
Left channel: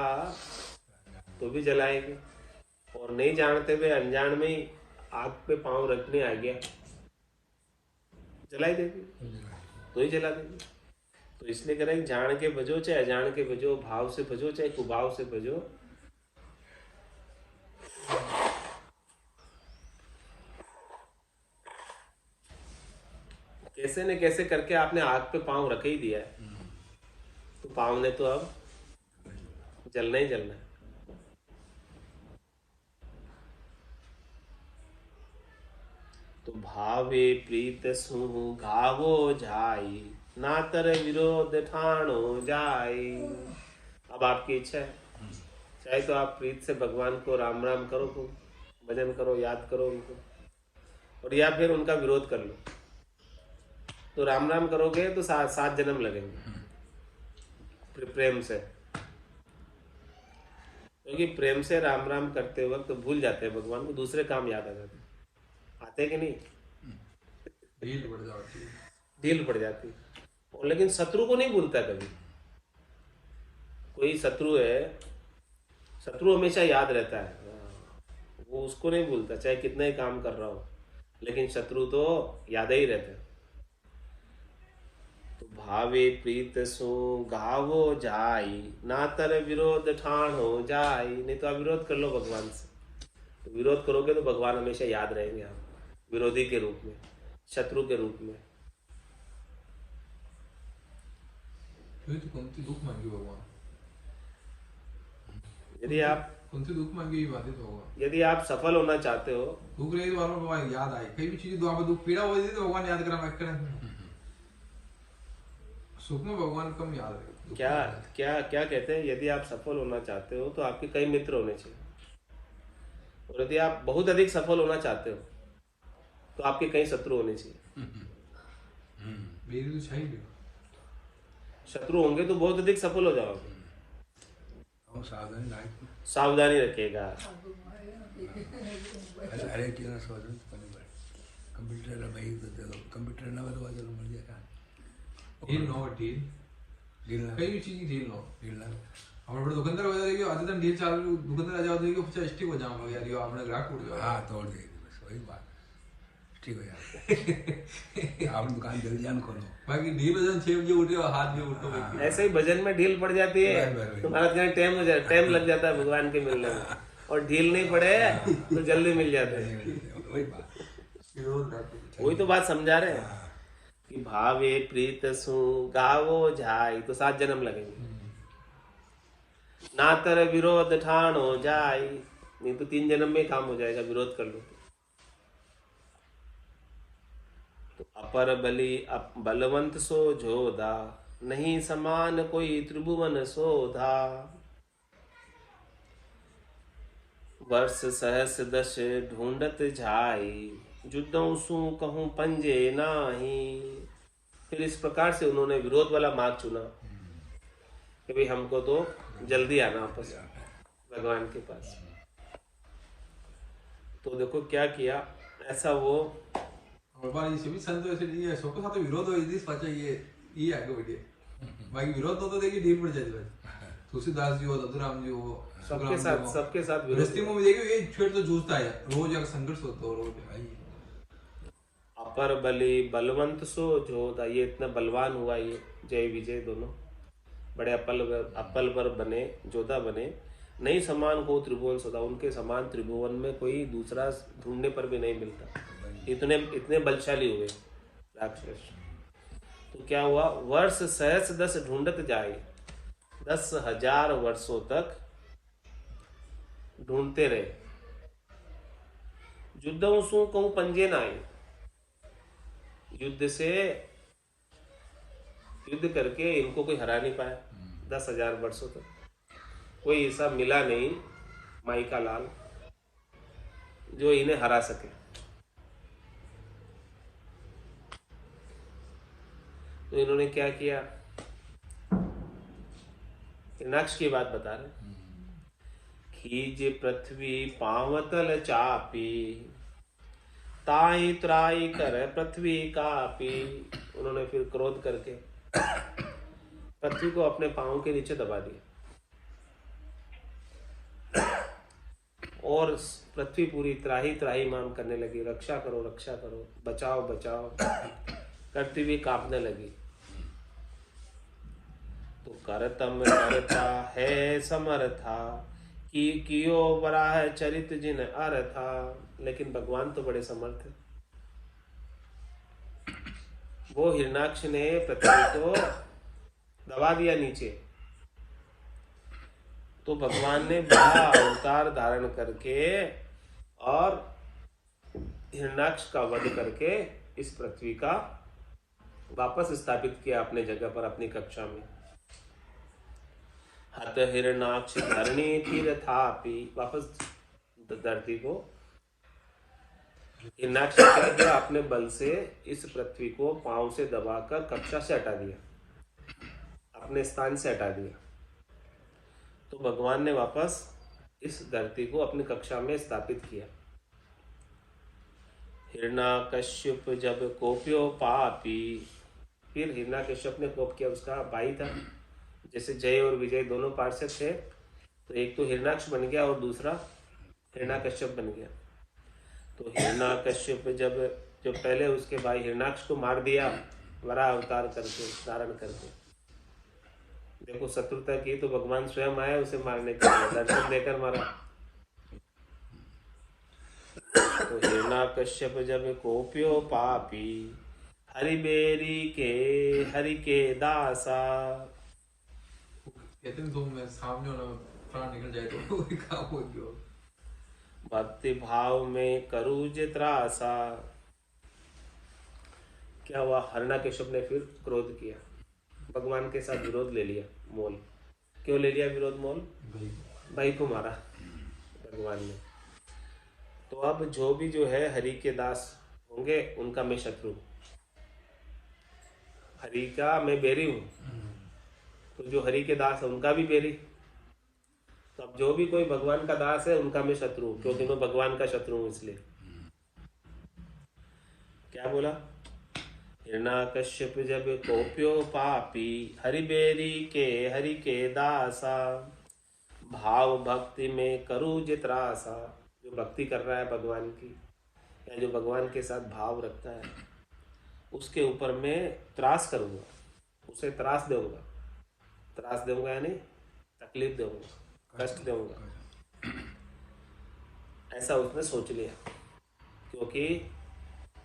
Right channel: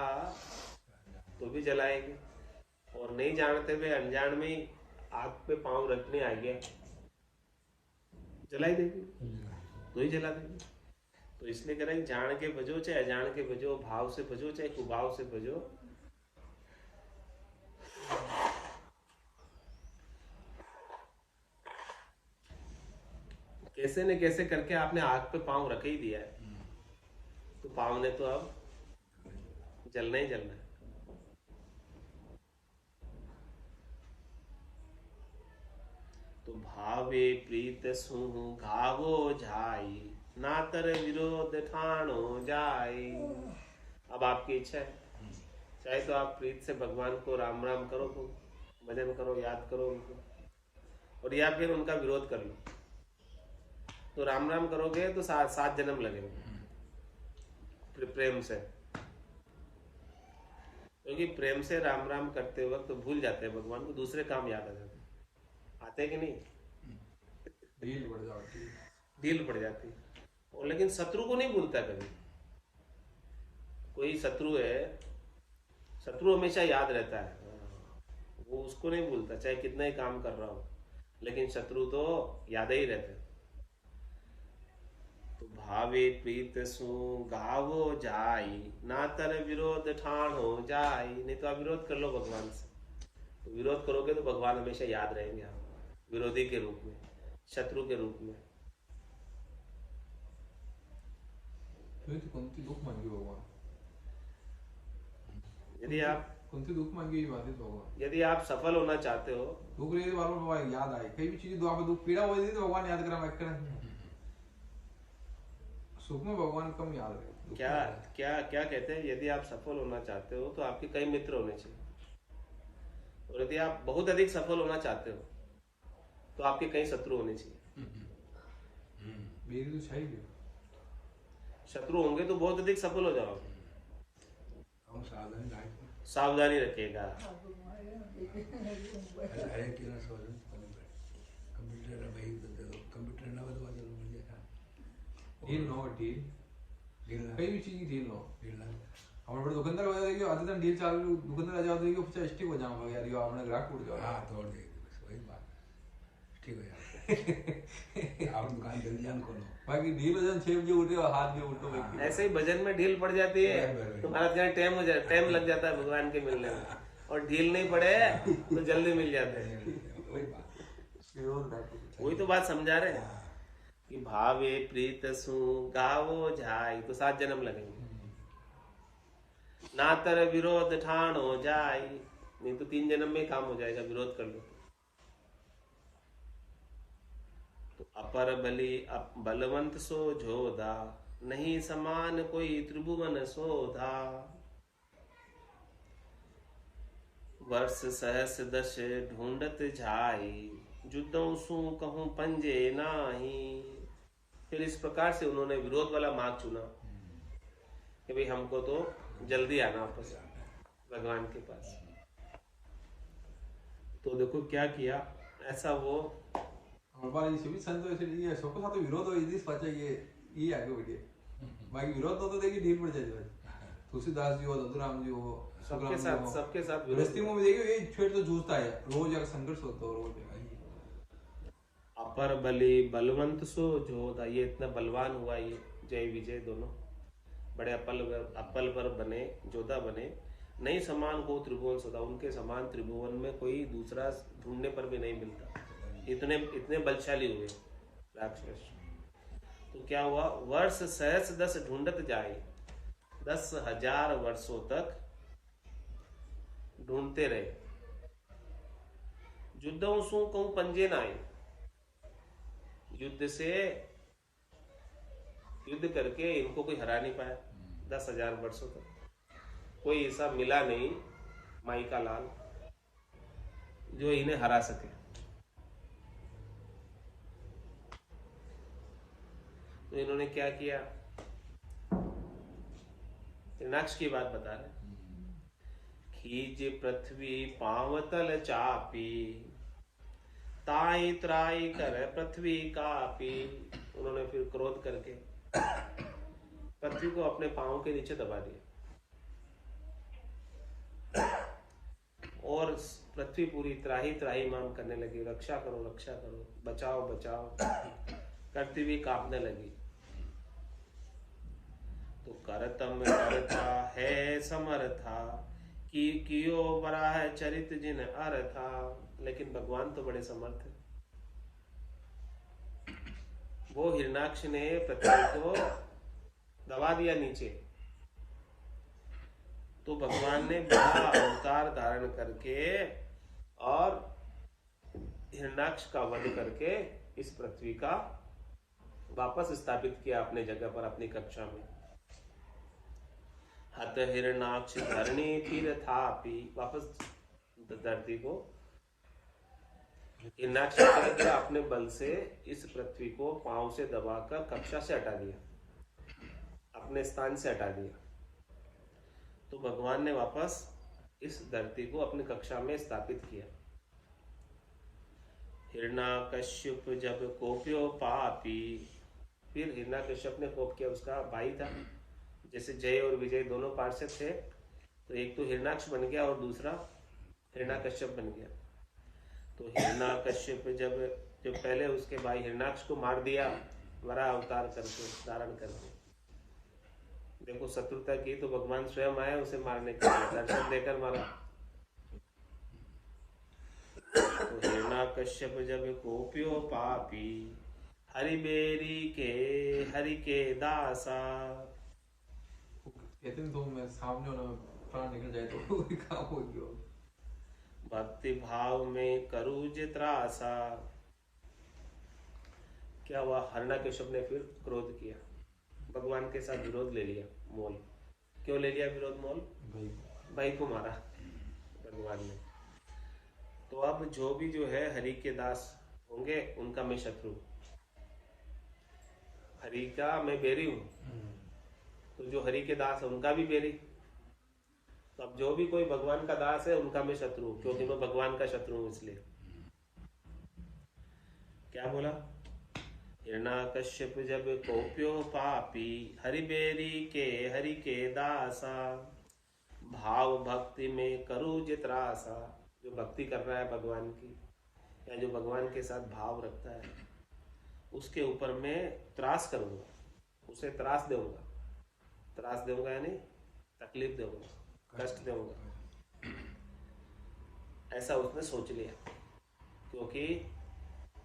तो भी जलाएगी, और नहीं जानते हुए अनजान में ही आग पे पाँव रखने आ गया, जला ही देगी, तो ही जला देगी। तो इसलिए कह रहे हैं जान के भजो चाहे अजान के भजो, भाव से भजो चाहे कुभाव से भजो। कैसे न कैसे करके आपने आग पे पाँव रख ही दिया है, तो पाँव ने तो अब जलना ही जलना है। तो भावे प्रीत सुहु घावो जाई, नातर विरोध ठाणो जाई। अब आपकी इच्छा है, चाहे तो आप प्रीत से भगवान को राम राम करो, तो भजन करो, याद करो उनको, और या फिर उनका विरोध कर लो। तो राम राम करोगे तो 7 जन्म लगेंगे प्रेम से, क्योंकि प्रेम से राम राम करते वक्त तो भूल जाते हैं भगवान को, दूसरे काम याद आ जाते हैं। आते कि नहीं, ढील पड़ जाती। और लेकिन शत्रु को नहीं भूलता कभी। कोई शत्रु है, शत्रु हमेशा याद रहता है, वो उसको नहीं भूलता चाहे कितना ही काम कर रहा हो, लेकिन शत्रु तो याद ही रहता है। तो भावे प्रीत सो गावो जाई, नातर विरोध ठाण हो जाई। नहीं तो आप विरोध कर लो भगवान से, तो विरोध करोगे तो भगवान हमेशा याद रहेंगे आप, विरोधी के रूप में, शत्रु के रूप में। तो कौन सी दुख मांगी भगवान, यदि आप कौन सी दुख मांगी बातें तो भगवान, यदि आप सफल होना चाहते हो, दुख रही तो भगवान याद आए, कई भी चीज दुआ में दुख पीड़ा हो जाती तो भगवान याद करा, सुख में भगवान कम याद है। क्या क्या क्या कहते हैं, यदि आप सफल होना चाहते हो तो आपके कई मित्र होने चाहिए, और यदि आप बहुत अधिक सफल होना चाहते हो तो आपके कई शत्रु होने चाहिए। मेरी तो चाहिए, शत्रु होंगे तो बहुत अधिक सफल हो जाओगे। और सावधानी रखिएगा। अरे क्यों ना समझ कंप्यूटर भाई तो दे दो, कंप्यूटर ना तो चलो मिल जाएगा। डील नो डील डील ना, कई भी चीज डील नो डील ना। हमारे बड़े दुकानदार हो जाएगी, आधे दिन डील चालू, दुकानदार आ जाओ देगी, फिर स्टिक हो जाओगे यार, ये आपने ग्राहक टूट जाओ। हाँ तोड़ देगी, बस वही बात, ठीक हो यार। आप दुकान जल्दी जान खोलो, बाकी डील हो जाए 6 बजे उठे हाथ में उठो। ऐसे ही भजन में ढील पड़ जाती है तो महाराज कहने टाइम हो जाए, टाइम लग जाता है भगवान के मिलने में, और ढील नहीं पड़े तो जल्दी मिल जाते हैं। वही बात। वही तो बात समझा रहे हैं कि भावे प्रीत सु गावो जाई, तो 7 जन्म लगेंगे। नातर विरोध ठाण हो जाई, नहीं तो 3 जन्म में काम हो जाएगा, विरोध कर लो तो। अपर बलि बलवंत सो जोधा, नहीं समान कोई त्रिभुवन सोधा। वर्ष सहस दश ढूंढत जाई, जुदों सु कहूं पंजे नाही। फिर इस प्रकार से उन्होंने विरोध वाला मार्ग चुना कि भाई हमको तो जल्दी आना वापस भगवान के पास। तो देखो क्या किया, ऐसा वो भगवान जी सभी संतों से ये सबके साथ विरोध हो, इस बच्चे ये आगे बढ़िए, बाकी विरोध तो देखिए डील पड़ जाती है। तुलसीदास जी हो, ददुराम जी हो, सबके साथ विरोध। गृहस्थी में मुझे ये छेड़ तो जूझता है, रोज अगर संघर्ष होता है रोज। अपर बलि बलवंत सो जोधा, ये इतना बलवान हुआ, ये जय विजय दोनों बड़े अपल पर बने, जोधा बने। नहीं समान को त्रिभुवन सदा, उनके समान त्रिभुवन में कोई दूसरा ढूंढने पर भी नहीं मिलता, इतने बलशाली हुए राक्षस। तो क्या हुआ, वर्ष सहस दस ढूंढत जाए, 10,000 वर्षों तक ढूंढते रहे। युद्धों सु कहूं पंजे ना आए, युद्ध से युद्ध करके इनको कोई हरा नहीं पाया, 10,000 वर्षों तक कोई ऐसा मिला नहीं माई का लाल जो इन्हें हरा सके। तो इन्होंने क्या किया, हिरणाक्ष की बात बता रहे, खीज पृथ्वी पावतल चापी ताई त्राई कर पृथ्वी कापी। उन्होंने फिर क्रोध करके पृथ्वी को अपने पांव के नीचे दबा दिया और पृथ्वी पूरी त्राही त्राही माम करने लगी, रक्षा करो बचाओ बचाओ करती हुई कांपने लगी। तो करतम करता है समर्था कि कियो बराह चरित जिन अर्था। लेकिन भगवान तो बड़े समर्थ है। वो हिरणाक्ष ने पृथ्वी को दबा दिया नीचे, तो भगवान ने बड़ा अवतार धारण करके और हिरणाक्ष का वध करके इस पृथ्वी का वापस स्थापित किया अपने जगह पर, अपनी कक्षा में। हत हिरणाक्ष धरणी फिर थापी, वापस धरती को हिरणाक्ष ने क्या किया, अपने बल से इस पृथ्वी को पांव से दबाकर कक्षा से हटा दिया, अपने स्थान से हटा दिया। तो भगवान ने वापस इस धरती को अपनी कक्षा में स्थापित किया। हिरणाकश्यप जब कोप्यो पापी, फिर हिरणाकश्यप ने कोप किया, उसका भाई था। जैसे जय और विजय दोनों पार्षद थे, तो एक तो हिरणाक्ष बन गया और दूसरा हिरणाकश्यप बन गया। तो हिरणाकश्यप जब पहले उसके भाई हिरणाक्ष को मार दिया वराह अवतार करके, धारण करके, देखो शत्रुता की तो भगवान स्वयं आए उसे मारने के लिए, दर्शन देकर मारा। तो हिरणाकश्यप जब कोप्यो पापी हरिबेरी के दासा। कहते हैं तुम सामने होना प्राण निकल जाए तो वही काम हो गया। भक्ति भाव में करू जित्रासा। क्या हुआ, हिरणाकश्यप ने फिर क्रोध किया, भगवान के साथ विरोध ले लिया मोल। क्यों ले लिया विरोध मोल? भाई को मारा भगवान ने। तो अब जो भी जो है हरि के दास होंगे उनका मैं शत्रु, हरि का मैं बैरी हूं, तो जो हरि के दास है उनका भी बैरी। तो अब जो भी कोई भगवान का दास है उनका मैं शत्रु, क्योंकि मैं भगवान का शत्रु हूं। इसलिए क्या बोला, हिरणाकश्यप जब कोप्यो पापी हरिबेरी हरि के दासा। भाव भक्ति में करू जित्रासा। जो भक्ति कर रहा है भगवान की, या जो भगवान के साथ भाव रखता है, उसके ऊपर मैं त्रास करूंगा, उसे त्रास दूंगा। त्रास दूंगा यानी तकलीफ दूंगा, कष्ट दूंगा, ऐसा उसने सोच लिया। क्योंकि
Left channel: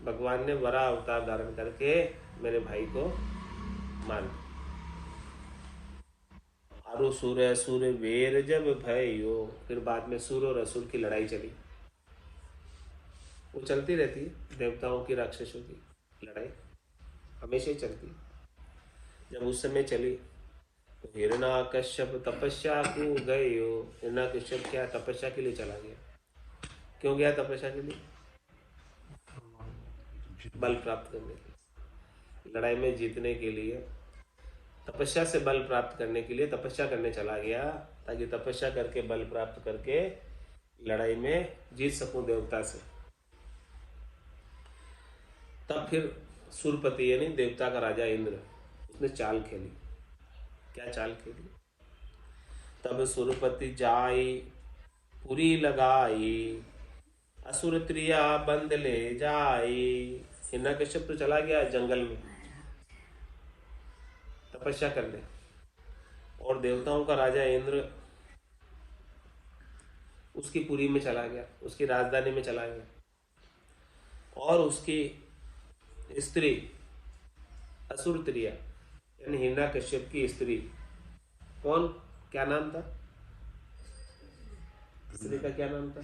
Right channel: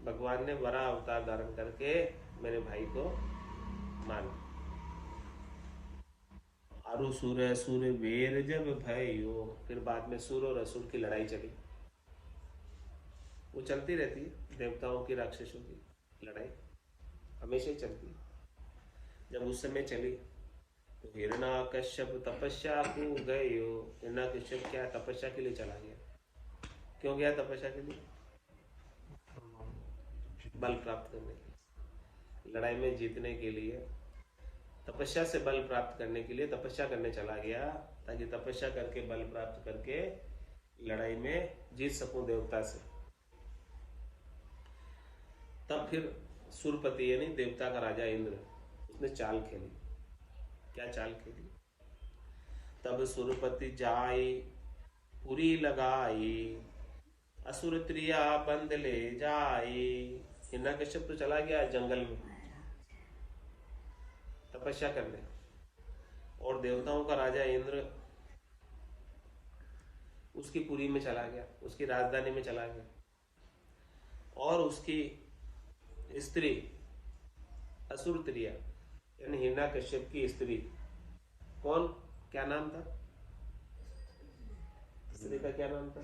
भगवान ने बड़ा अवतार धारण करके मेरे भाई को मार दिया। आरु सुर वीर जब भयो, फिर बाद में सुर और असुर की लड़ाई चली। वो चलती रहती है, देवताओं की राक्षसों की लड़ाई हमेशा ही चलती है। जब उस समय चली तो हिरणाकश्यप तपस्या को गए हो। हिरणाकश्यप क्या तपस्या के लिए चला गया। क्यों गया तपस्या के लिए? बल प्राप्त करने के लिए, लड़ाई में जीतने के लिए, तपस्या से बल प्राप्त करने के लिए तपस्या करने चला गया, ताकि तपस्या करके बल प्राप्त करके लड़ाई में जीत सकूं देवता से। तब फिर सुरपति यानी देवता का राजा इंद्र, उसने चाल खेली। क्या चाल खेली? तब सुरपति जाई पुरी लगाई, असुर त्रिया बंद ले जाई। हिरणाकश्यप तो चला गया जंगल में तपस्या करने, और देवताओं का राजा इंद्र उसकी पुरी में चला गया, उसकी राजधानी में चला गया। और उसकी स्त्री असुर त्रिया यानी हिरणाकश्यप की स्त्री, कौन, क्या नाम था स्त्री का? क्या नाम था?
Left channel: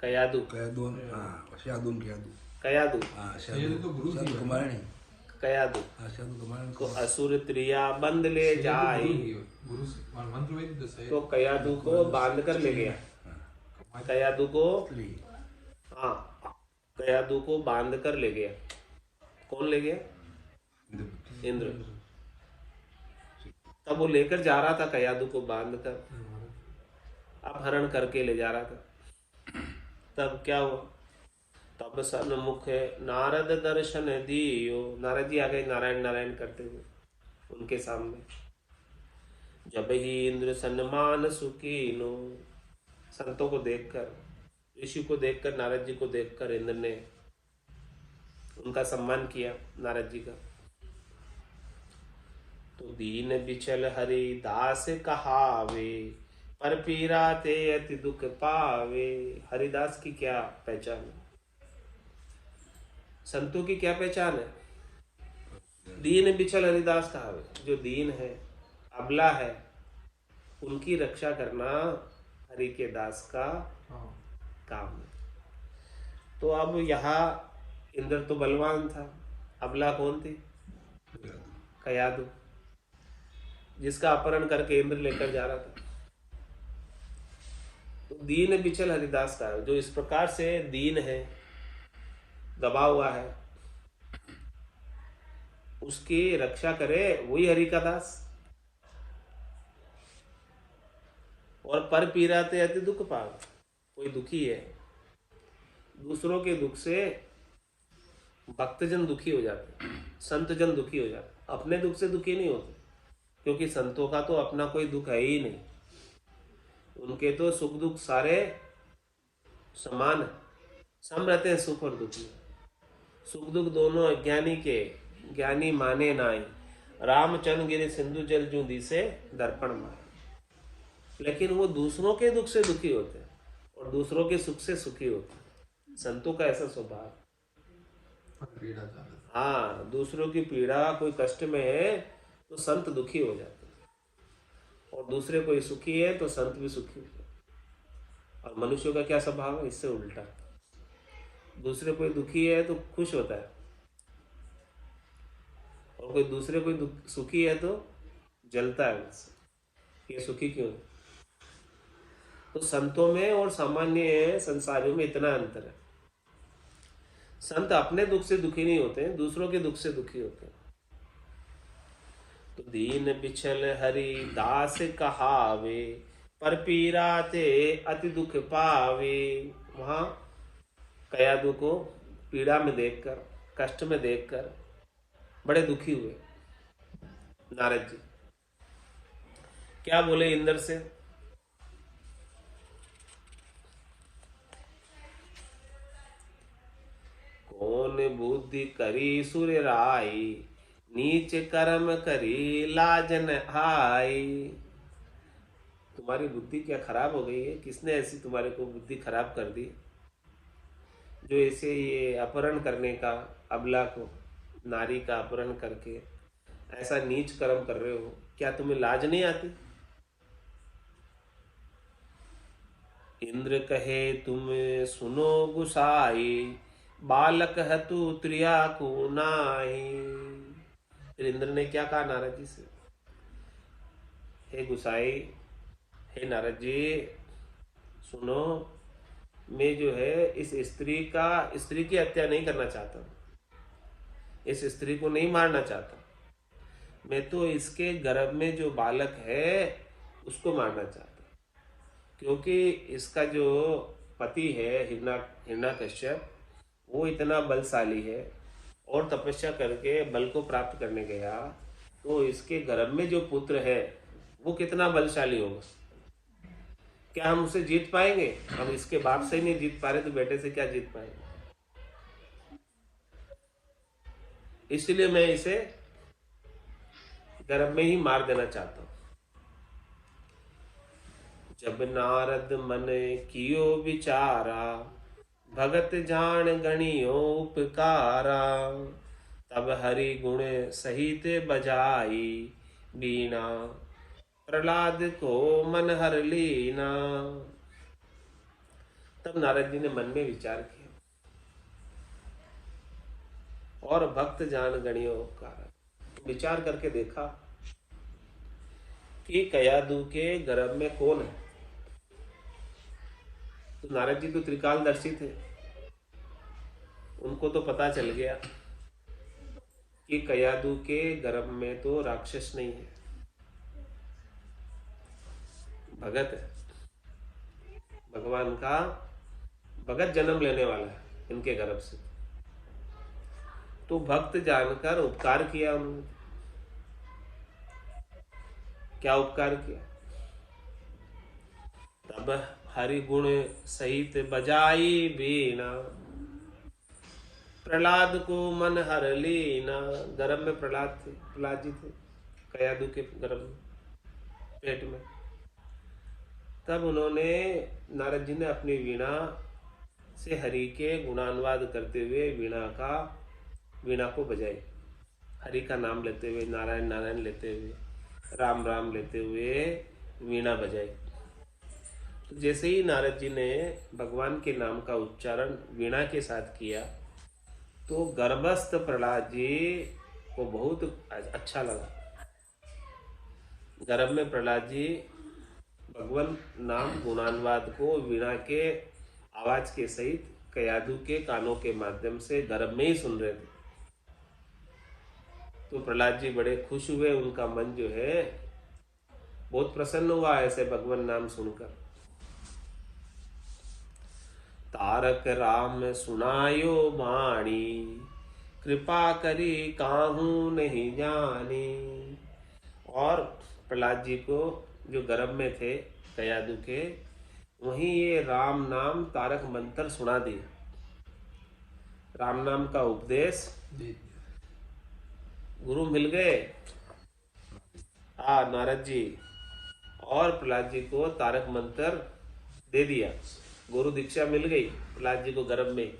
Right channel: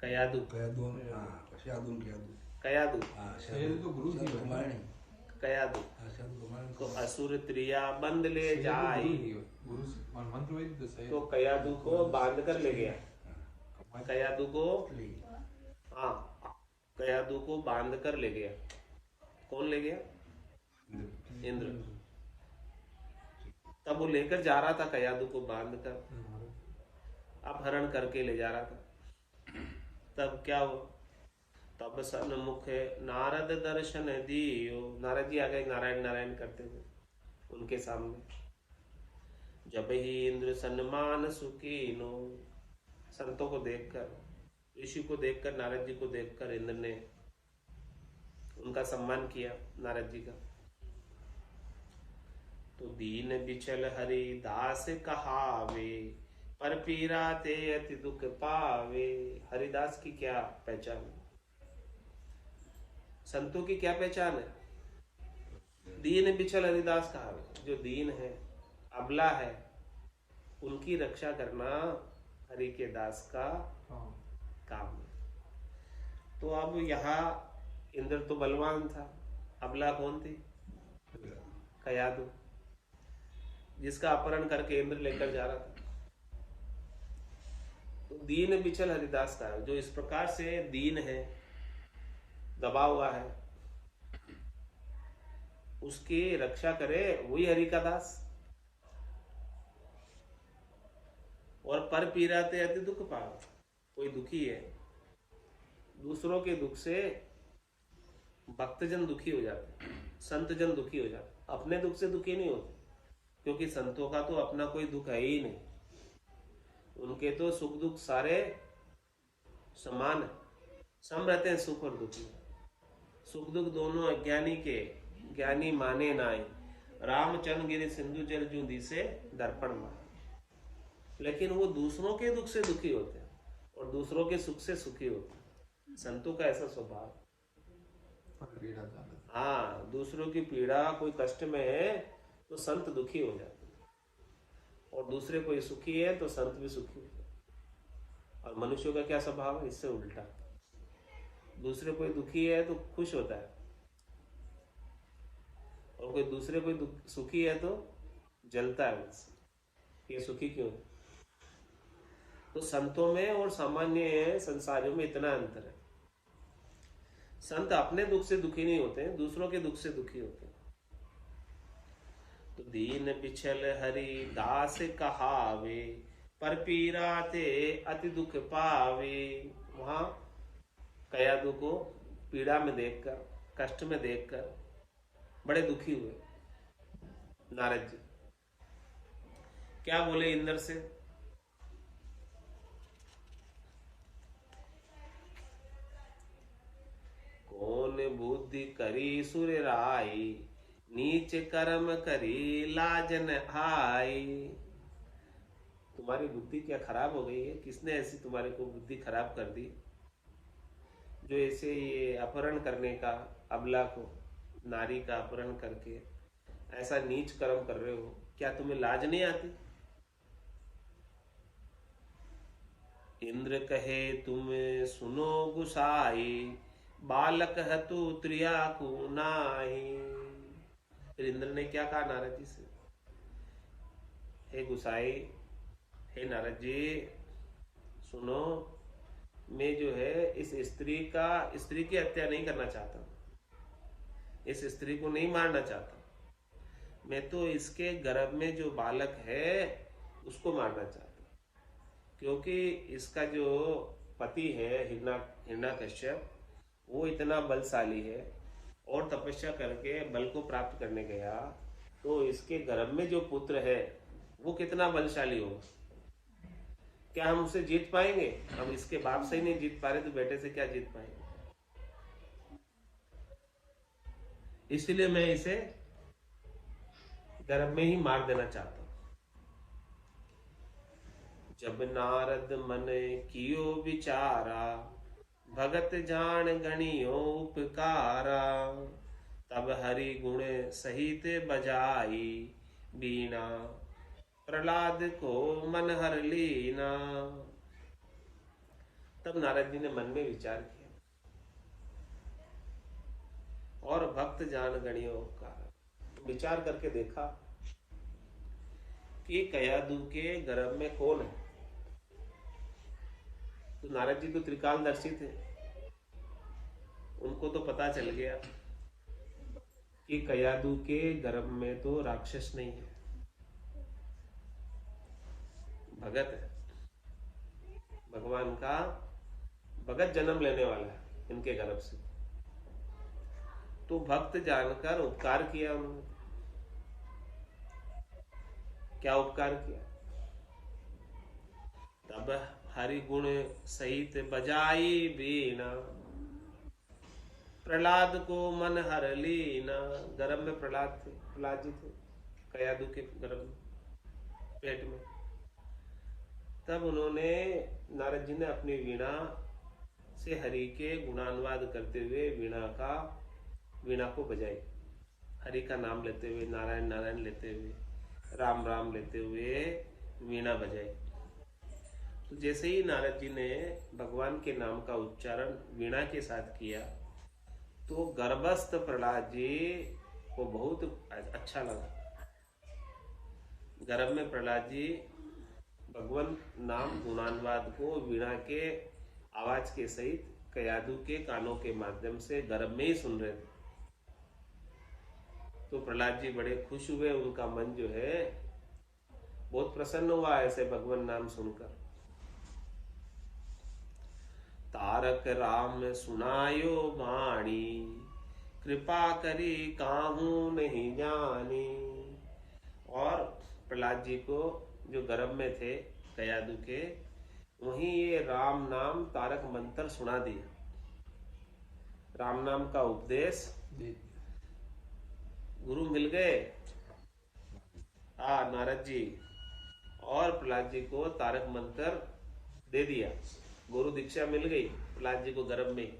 कयादू। कयादू। कयादू। ये तो गुरु थी कुमारणी। कयादु शब्द कमान को असुर त्रिया बंद ले जाई, गुरु मंत्र में तो सही तो कयादु को बांध कर ले गया। कयादु को, हाँ, कयादु को बांध कर ले गया। कौन ले गया? इंद्र। तब वो लेकर जा रहा था कयादु को बांध कर, अपहरण करके ले जा रहा था। तब क्या हुआ? तब सन्मुख नारद दर्शन दियो, नारद जी आ गए नारायण नारायण करते हुए उनके सामने। जब ही इंद्र सन्मान सुकीनो, संतों को देखकर, ऋषि को देखकर, नारद जी को देखकर इंद्र ने उनका सम्मान किया, नारद जी का। तो दीन बिचल हरि दास कहावे, पर पीरा ते अति दुख पावे। हरिदास की क्या पहचान है? संतों की क्या पहचान है? दीन बिचल हरिदास कहावे। जो दीन है, अबला है, उनकी रक्षा करना हरि के दास का काम है। तो अब यहाँ इंद्र तो बलवान था, अबला कौन थी? कयादु, जिसका अपहरण करके इंद्र लेकर जा रहा था। तो दीन बिचल हरिदास का, जो इस प्रकार से दीन है, दबा हुआ है, उसकी रक्षा करे वही हरि का दास। और पर पीराते अति दुख पावे। कोई दुखी है, दूसरों के दुख से भक्तजन दुखी हो जाते हैं, संतजन दुखी हो जाते हैं, अपने दुख से दुखी नहीं होते, क्योंकि संतों का तो अपना कोई दुख है ही नहीं। उनके तो सुख दुख सारे समान है, सम रहते हैं सुख और दुख में। सुख दुख दोनों अज्ञानी के, ज्ञानी माने नाई। रामचंद्र गिरे सिंधु जल जू दिसे दर्पण माए। लेकिन वो दूसरों के दुख से दुखी होते हैं और दूसरों के सुख से सुखी होते हैं। संतों का ऐसा स्वभाव। हाँ, दूसरों की पीड़ा, कोई कष्ट में है तो संत दुखी हो जाते हैं, और दूसरे कोई सुखी है तो संत भी सुखी हो जाते हैं। और मनुष्यों का क्या स्वभाव है? इससे उल्टा। दूसरे कोई दुखी है तो खुश होता है, और कोई दूसरे कोई सुखी है तो जलता है उससे, ये सुखी क्यों है? तो संतों में और सामान्य संसारियों में इतना अंतर है। संत अपने दुख से दुखी नहीं होते हैं, दूसरों के दुख से दुखी होते हैं। तो दीन बिछल हरि दास कहावे, पर पीरा ते अति दुख पावे। वहां कयादु को पीड़ा में देखकर, कष्ट में देखकर बड़े दुखी हुए नारद जी। क्या बोले इंद्र से? कौन बुद्धि करी सुर राई, नीच कर्म करी लाजन आई। तुम्हारी बुद्धि क्या खराब हो गई है? किसने ऐसी तुम्हारे को बुद्धि खराब कर दी, जो ऐसे ये अपहरण करने का, अबला को, नारी का अपहरण करके ऐसा नीच कर्म कर रहे हो? क्या तुम्हें लाज नहीं आती? इंद्र कहे तुम सुनो गुसाई, बालक हतु त्रिया को नाई। फिर इंद्र ने क्या कहा नारद जी से? हे गुसाई, हे नारद जी, सुनो, मैं जो है इस स्त्री की हत्या नहीं करना चाहता, इस स्त्री को नहीं मारना चाहता। मैं तो इसके गर्भ में जो बालक है उसको मारना चाहता, क्योंकि इसका जो पति है हिरण्यकश्यप, वो इतना बलशाली है और तपस्या करके बल को प्राप्त करने गया, तो इसके गर्भ में जो पुत्र है वो कितना बलशाली होगा। क्या हम उसे जीत पाएंगे? हम इसके बाप से ही नहीं जीत पा रहे तो बेटे से क्या जीत पाएंगे? इसलिए मैं इसे गर्भ में ही मार देना चाहता हूं। जब नारद मन कियो विचारा, भगत जान गणियो उपकारा। तब हरि गुण सहित बजाई, बीणा प्रहलाद को मन हर लीना। तब नारद जी ने मन में विचार किया और भक्त जान गणियो उपकार। विचार करके देखा कि कयादू के गर्भ में कौन है। तो नारद जी तो त्रिकालदर्शी थे, उनको तो पता चल गया कि कयादू के गर्भ में तो राक्षस नहीं है, भगत है, भगवान का भगत जन्म लेने वाला है इनके गर्भ से। तो भक्त जानकर उपकार किया उन्होंने। क्या उपकार किया? तब हरि गुण सहित बजाई बीणा, प्रहलाद को मन हर लीना। गर्भ में प्रहलाद थे, प्रहलाद जी थे कयादू के गर्भ में, पेट में। तब उन्होंने, नारद जी ने अपनी वीणा से हरि के गुणानुवाद करते हुए वीणा को बजाई। हरि का नाम लेते हुए, नारायण नारायण लेते हुए, राम राम लेते हुए वीणा बजाई। तो जैसे ही नारद जी ने भगवान के नाम का उच्चारण वीणा के साथ किया तो गर्भस्थ प्रहलाद जी को बहुत अच्छा लगा। गर्भ में प्रहलाद जी भगवान नाम गुणानुवाद को वीणा के आवाज के सहित कयादू के कानों के माध्यम से गर्भ में ही सुन रहे थे। तो प्रहलाद जी बड़े खुश हुए, उनका मन जो है बहुत प्रसन्न हुआ ऐसे भगवान नाम सुनकर। तारक राम सुनायो बाणी, कृपा करी काहू नहीं जानी। और प्रहलाद जी को जो गर्भ में थे कयादू के, वहीं ये राम नाम तारक मंत्र सुना दिया। राम नाम का उपदेश गुरु मिल गए नारद जी, और प्रहलाद जी को तारक मंत्र दे दिया। गुरु दीक्षा मिल गई प्रहलाद जी को गर्भ में।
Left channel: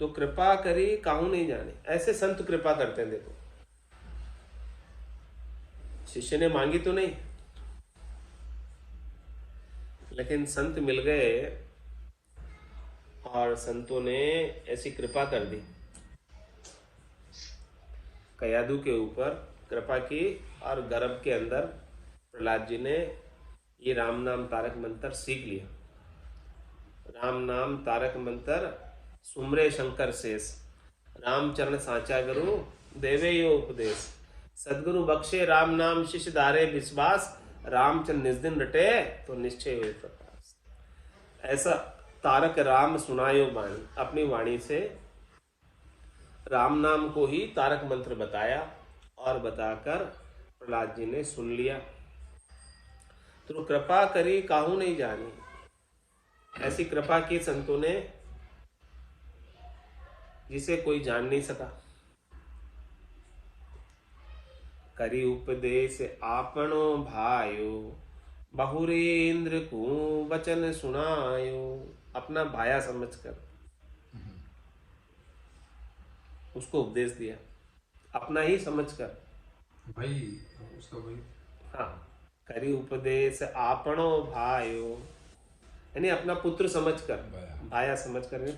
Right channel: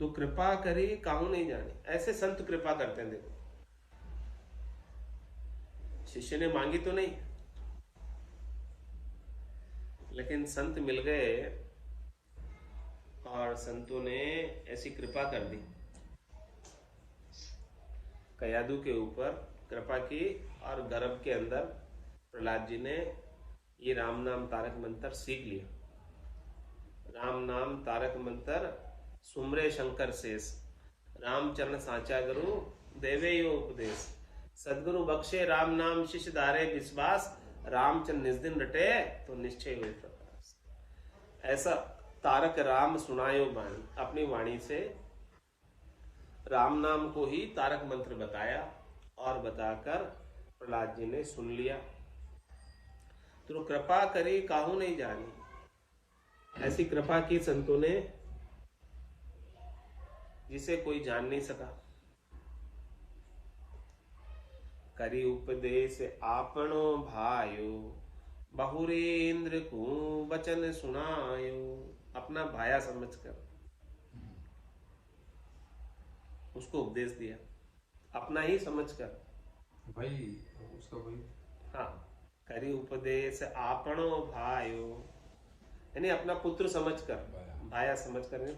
तो कृपा करी काहू नहीं जाने, ऐसे संत कृपा करते हैं। देखो, शिष्य ने मांगी तो नहीं, लेकिन संत मिल गए और संतों ने ऐसी कृपा कर दी, कयादू के ऊपर कृपा की। और गर्भ के अंदर प्रहलाद जी ने ये राम नाम तारक मंत्र सीख लिया। राम नाम तारक मंत्र सुमरे शंकर शेष, रामचरण साचा गुरु देवे यो उपदेश। सदगुरु बख्शे राम नाम शिष्य धारे विश्वास, रामचंद्र निज दिन रटे तो निश्चय हुए प्रकाश। ऐसा तारक राम सुनायो वाणी, अपनी वाणी से राम नाम को ही तारक मंत्र बताया और बताकर प्रहलाद जी ने सुन लिया। तो कृपा करी काहू नहीं जानी, ऐसी कृपा की संतों ने जिसे कोई जान नहीं सका। करी उपदेश आपनो भायो, बहुरेंद्र को वचन सुनायो। अपना भाया समझकर उसको उपदेश दिया, अपना ही समझकर भाई उसका भाई। हाँ, करी उपदेश आपनो भायो, यानी अपना पुत्र समझकर, भाया समझकर यानी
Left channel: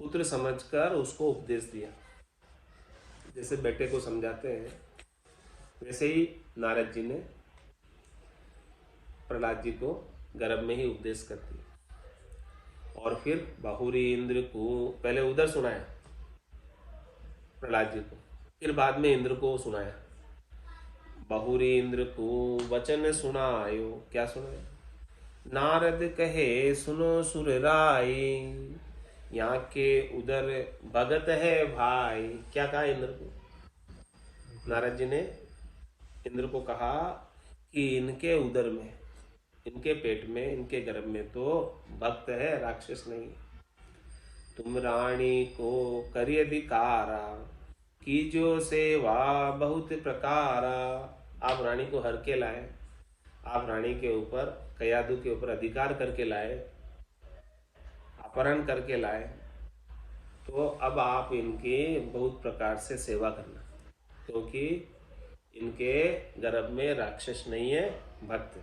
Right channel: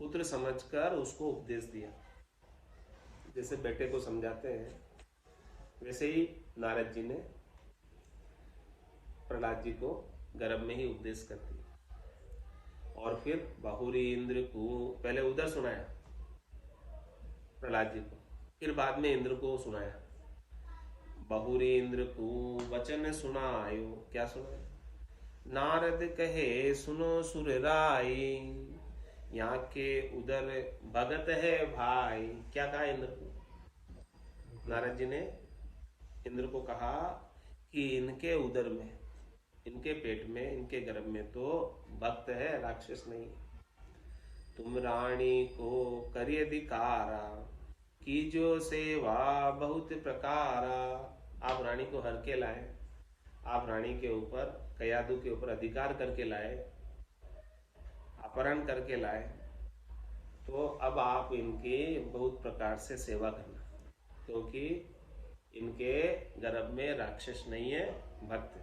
पुत्र समझकर उसको उपदेश दिया। जैसे बेटे को समझाते हैं, वैसे ही नारद जी ने प्रहलाद जी को गर्भ में ही उपदेश कर दिया। और फिर बहुरी इंद्र को पहले उधर सुनाया प्रहलाद जी को, फिर बाद में इंद्र को सुनाया। बहुरी इंद्र को वचन सुनायो, क्या सुनाया? नारद कहे सुनो सुर राय, यहाँ के उधर भगत है भाई। क्या कहा इंद्र को? नारद जी ने इंद्र को कहा कि इनके उदर में, इनके पेट में, इनके गर्भ में तो भक्त है, राक्षस नहीं। तुम रानी को करी अधिकारा, कीजो सेवा बहुत प्रकारा। आप रानी को हर के लाए, आप रानी के ऊपर, कयादू के ऊपर अधिकार करके लाए, अपहरण करके लाए। तो अब आप इनकी बहुत प्रकार से सेवा करना, क्योंकि इनके गर्भ में राक्षस नहीं है, भक्त,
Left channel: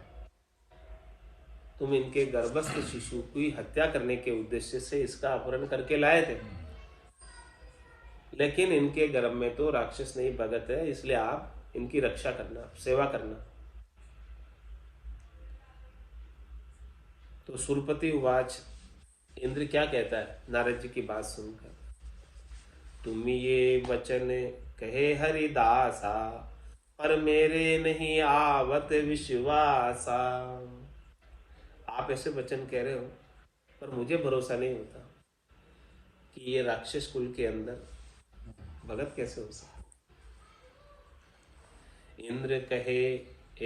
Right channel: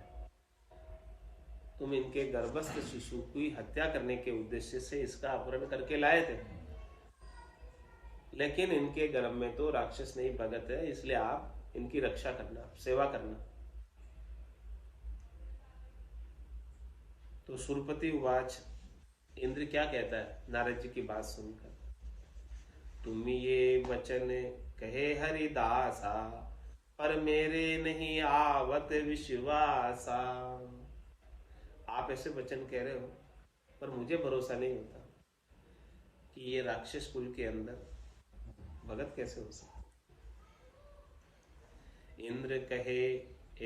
तुम इनके गर्भस्थ शिशु की हत्या करने के उद्देश्य से इसका अपहरण करके लाए थे, लेकिन इनके गर्भ में तो राक्षस नहीं भगत है, इसलिए आप इनकी रक्षा करना, सेवा करना। तो सुरपति उवाच, इंद्र क्या कहता है नारद जी की बात सुनकर, तुम ये वचन कहे हरिदासा, पर मेरे नहीं आवत विश्वासा। आप ऐसे वचन कह रहे हो, पर मुझे भरोसा नहीं होता कि ये राक्षस कुल के अंदर भगत कैसे हो सकता। इंद्र कहे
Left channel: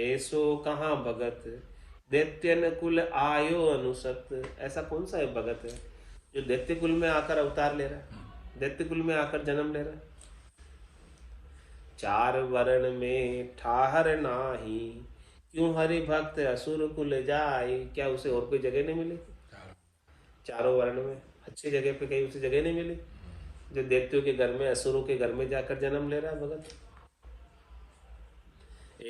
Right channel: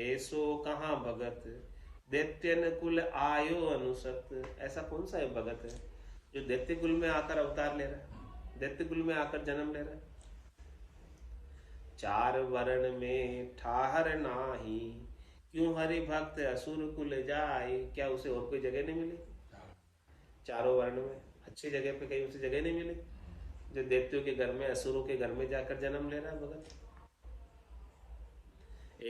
ऐसो कहाँ भगत, दैत्यन कुल आयो अनुसत। ऐसा कौन सा है भगत है जो दैत्य कुल में आकर अवतार ले रहा है, दैत्य कुल में आकर जन्म ले रहा है। चार वर्ण में ठाहर नाही, क्यों हरि भक्त असुर कुल जाए। क्या उसे और कोई जगह नहीं मिली? चारों वर्ण में अच्छी जगह पे कहीं उसे जगह नहीं मिली जो दैत्यों के घर में, असुरों के घर में जाकर जन्म ले रहा है भगत।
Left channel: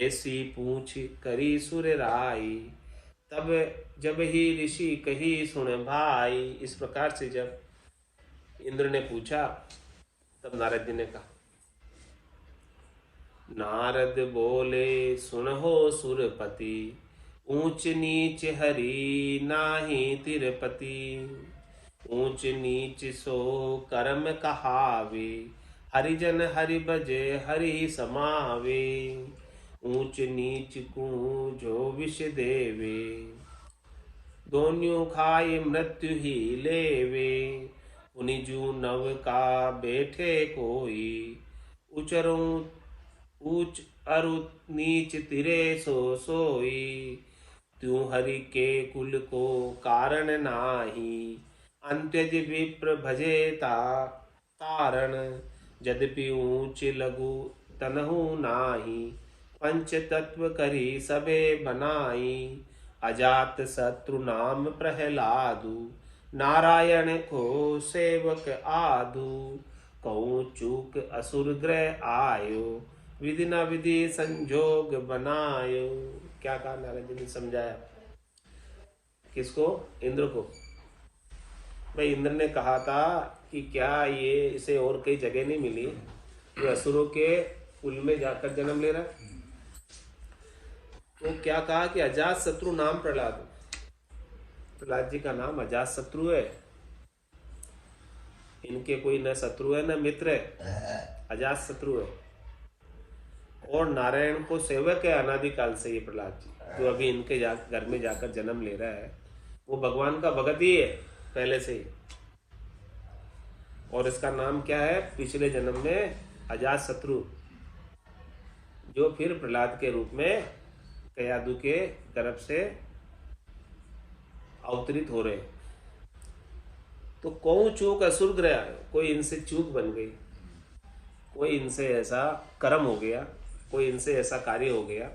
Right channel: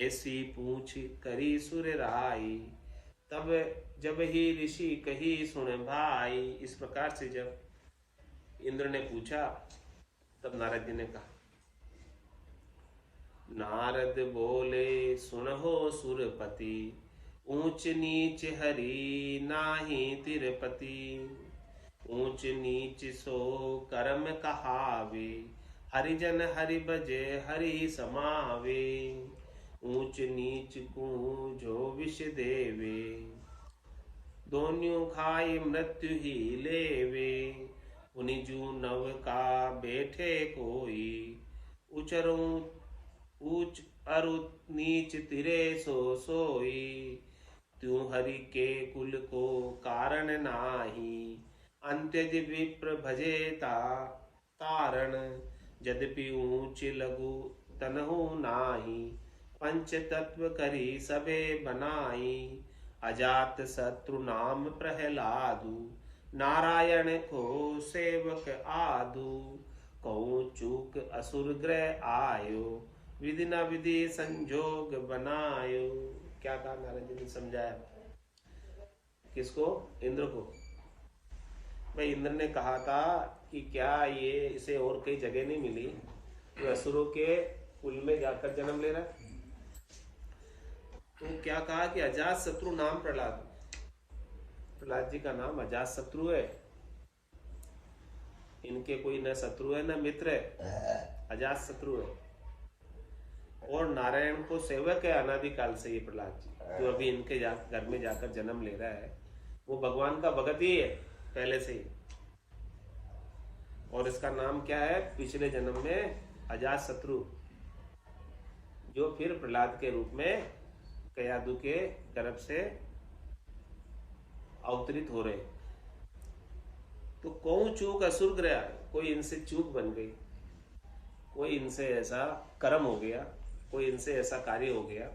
ऐसी पूछ करी सुर राई, तब जब ही ऋषि कही सुन भाई। इस प्रकार से जब इंद्र ने पूछा तब नारद जी ने कहा, नारद बोले सुनहो सुरपति, ऊंच नीच हरि नाही तिरपति। ऊंच नीच सो कर्म कहावे, हरिजन हरि बजे हरि समावे। ऊंच नीच को जो विष देवे, दोन्यों खाए मृत्यु ही लेवे। उनिजू नव का बैठे कोई, उचरों ऊंच अरु नीच तिरे सो सोई। त्यों हरि के कुल को कारण नाही, अंत्यज विप्र भजेता तारण। यद्यपि ऊंच लघु तनहु नाही, पंच तत्व करी सबे बनाई। अजात शत्रु नाम प्रहलादु, नारायण को सेवक आदु। कहूँ चूक असुर ग्रह आयो, विधि न विधि संजोग बनायो। क्या कहा नारद जी ने समझाया किसको? इंद्र को। भाई इंद्र ने कहा था कि क्या ये इसे और कई जगह नहीं मिली जो असुरों के कुल में जाकर जन्म ले रहा है। तो क्या कहा कि अजात शत्रु नाम प्रहलाद। प्रहलाद जी का नाम अजात शत्रु है। इनके कोई न शत्रु है न मित्र है, अजात शत्रु है। और नारायण को सेवक है अनादिकाल से। ये प्रहलाद जी जो अभी इनके घर में जाकर जन्म ले रहा है वो भगवान का भगत ही है पहले से ही। और इसका नाम क्या है? पिछले जन्म में अजात शत्रु, जो फिर प्रहलाद के रूप में कयादु के गर्भ से अवतरित हो रहे। तो कौन चूक असुर ग्रह आए, कोई इनसे चूक बन गई, कोई इनसे ऐसा कर्म हो गया, कोई इनसे ऐसा कार्य हो गया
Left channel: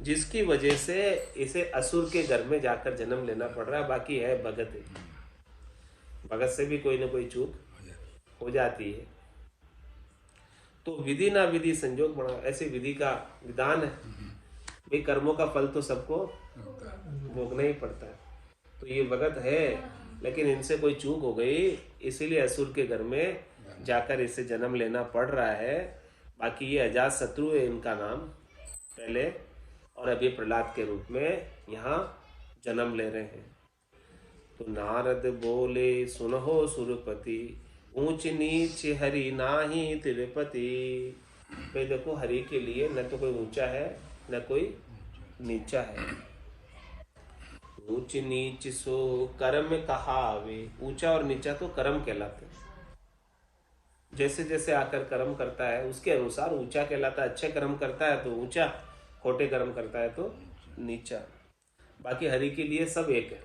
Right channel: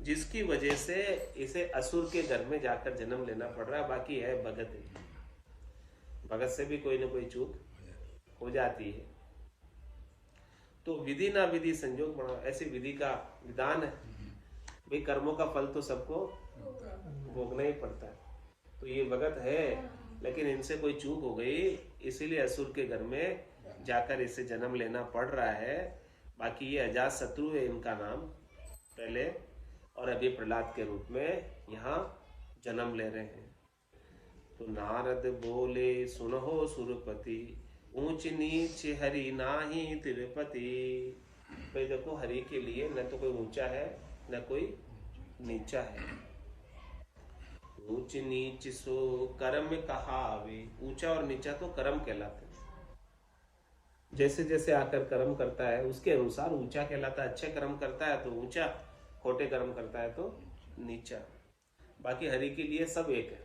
जिसकी वजह से इसे असुर के घर में जाकर जन्म लेना पड़ रहा है। बाकी है भगत है, भगत से भी कोई ना कोई चूक हो जाती है। तो विधि ना विधि संजोग बना, ऐसे विधि का विधान है भाई, कर्मों का फल तो सबको भोगना ही पड़ता है। तो ये भगत है लेकिन इनसे कोई चूक हो गई, इसीलिए असुर के घर में जाकर इसे जन्म लेना पड़ रहा है। बाकी ये अजात शत्रु है इनका नाम पहले, और अभी प्रहलाद के रूप में यहाँ जन्म ले रहे हैं। तो नारद बोले सुनहो सुरपति, ऊंच नीच हरि नाही तिरुपति। भाई देखो, हरि के लिए न तो कोई ऊंचा है न कोई नीचा है। ऊंच नीच सो कर्म कहावे। ऊंचा और नीचा तो कर्म कहलाते हैं। जैसे जैसे आकर कर्म करता है उसके अनुसार ऊंचा कहलाता है। अच्छे कर्म करता है तो ऊंचा, खोटे कर्म करता है तो नीचा। बाकी हरि के लिए सब एक है।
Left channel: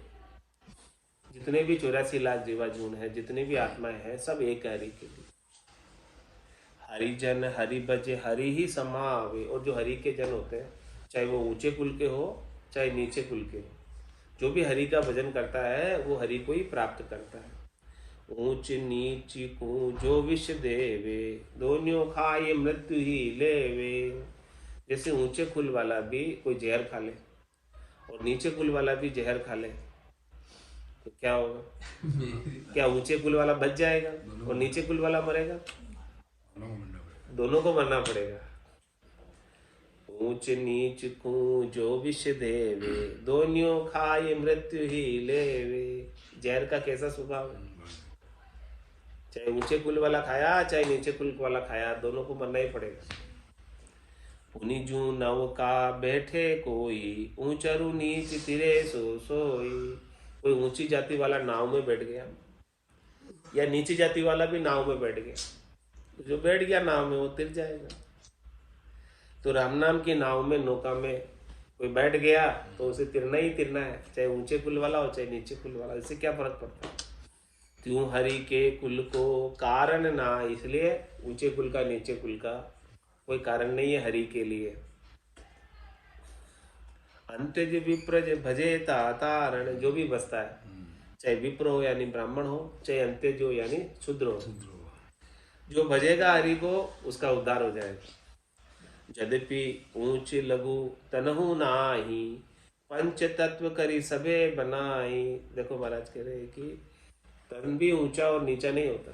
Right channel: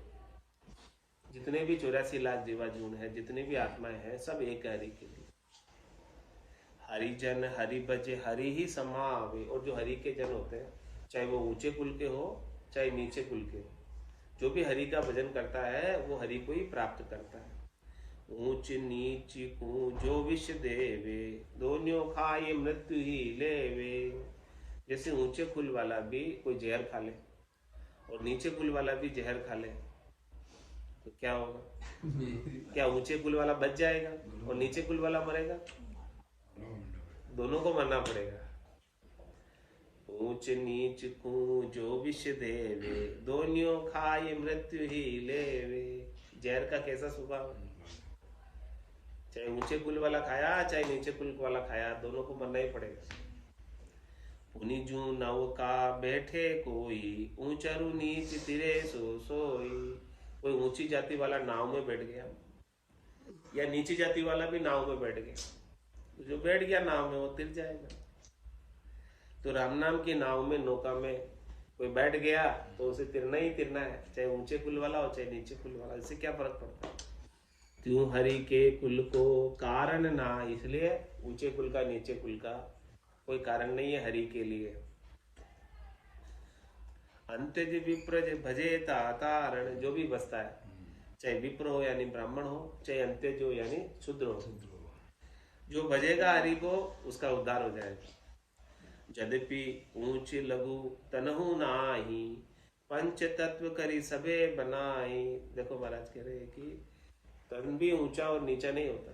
जितने भी 84 लाख जीवाजून है, जितनी भी आत्माएं हैं, सब एक है हरि के लिए। हरिजन हरि बजे हरि ही समावे। और जो हरि के जन होते हैं, चाहे वो ऊंचे कुल के हो चाहे नीचे कुल के हो, जो भी हरि का भजन करता है वो हरि को ही प्राप्त करता है। ऊंच नीच को जो विष देवे, दोनों खाए मृत्यु ही लेवे। जैसे ऊंचे कुल वाला भी कोई जहर खा ले और नीचे कुल वाला भी जहर खा ले तो क्या होगा? क्या ऊंचे कुल वाला बच जाएगा और नीचे कुल वाला मरेगा? दोनों को मरना पड़ेगा। ऊंच नीच को जो विष देवे, दोनियों खाए मृत्यु ही लेवे। जहर का कैसा स्वभाव है? चाहे ऊंचे कुल वाला खाया चाहे नीचे कुल वाला खाया, दोनों को मरना ही पड़ेगा। पुनिजू नव का बैठे कोई, ऊंचरु नीच तिरे सो सोई। कोई ऊंची जाति वाला नाव में बैठ गया या नीची जाति वाला भी नाव में बैठ गया, तो जो बैठ गया नाव में वो तिर जाएगा। तो राम नाम की नाव में, नौका में कोई बैठ गया तो उसे तिरना ही तिरना है, चाहे ऊंचे कुल वाला हो चाहे नीचे कुल वाला। इससे क्या फर्क पड़ता है? त्यों हरि के कुल को कारण ना, इसलिए ऊंचे कुल का नीचे कुल का कोई कारण नहीं है हरि के लिए। अंत्यज विप्रज भजे तारण, जो भी बसता है, चाहे विप्र हो यानी ब्राह्मण हो, चाहे अंत्यज हो यानी शूद्र हो, जो भजेगा हरि को उसका उद्धार हो जाएगा। यद्यपि ऊंच लघु तनहु नाही, पंच तत्व करी सबे बनाई। देखो महाराज कह रहे हैं कि तन भी ऊंचा और नीचा नहीं होता,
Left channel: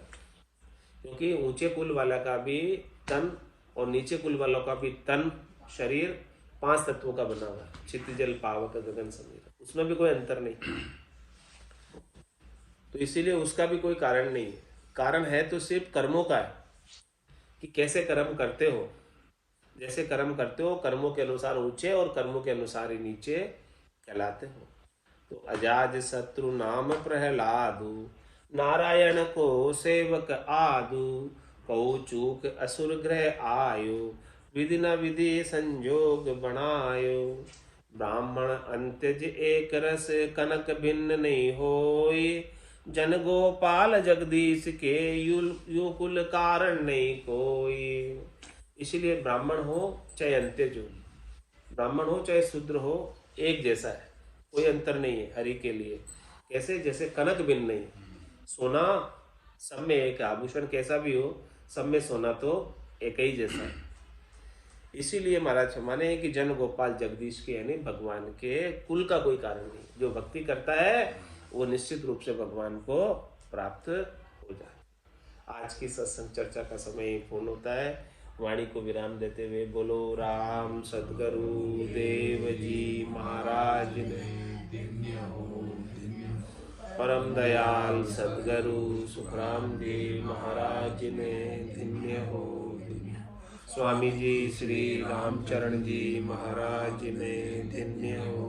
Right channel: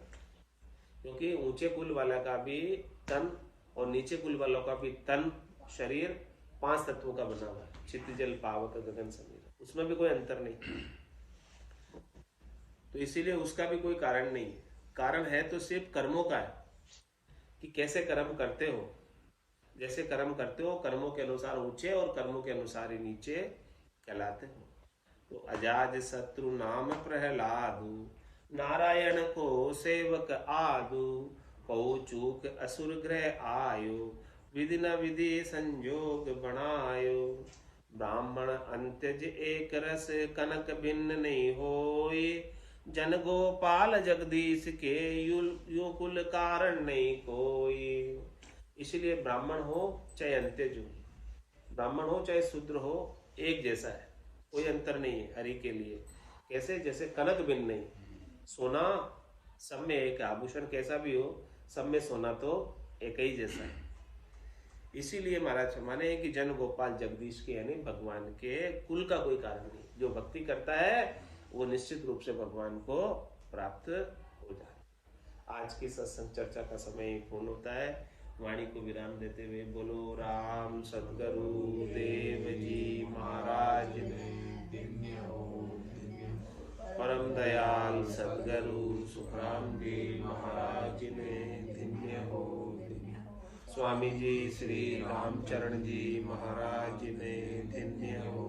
क्योंकि ऊंचे कुल वाला का भी तन और नीचे कुल वालों का भी तन, शरीर 5 तत्वों का बना हुआ है। चित्त जल पावक गगन समीर, उसमें भी कोई अंतर नहीं। तो इसीलिए उसका भी कोई कारण नहीं है। कारण है तो सिर्फ कर्मों का है कि कैसे कर्म करते हो। जैसे कर्म करते हो कर्मों के अनुसार ऊंचे और कर्मों के अनुसार ही नीचे कहलाते हो। तो अजाज शत्रु नाम प्रहलादु, नारायण को सेवक आदु। कौ चूक असुर ग्रह आयो, विधि न विधि संजोग बनायो। ब्राह्मण अंत्यज एक रस, कनक भिन्न नहीं होई। जन गोपाल जगदीश के, यूं कुल कारण नहीं कोई। इसलिए ब्राह्मण हो चाहे अंत्यज हो, ब्राह्मण हो चाहे शूद्र हो, एक जैसा है, कोई अंतर नहीं है हरि के लिए। कैसे? जैसे कनक भिन्न नहीं, सोना सब में एक, आभूषण कैसा भी हो सब में सोना तो एक ही जैसा है। इसीलिए महाराज माने हैं कि जन गोपाल जगदीश के यानी भगवान के कुल का कोई कारण नहीं। जो भक्ति करता है वो निश्चित रूप से भगवान को प्राप्त हो जाए। आज की सत्संग चर्चा का समय पूर्ण होता है। वाणी को विराम देते हुए बोलो राम सद्गुरु देव जी महाराज ने, परम दयाल सद्गुरु सुखराम जी महाराज ने धन्य हो। स्वामी जी श्री रामचरण जी महाराज ने धन्य हो।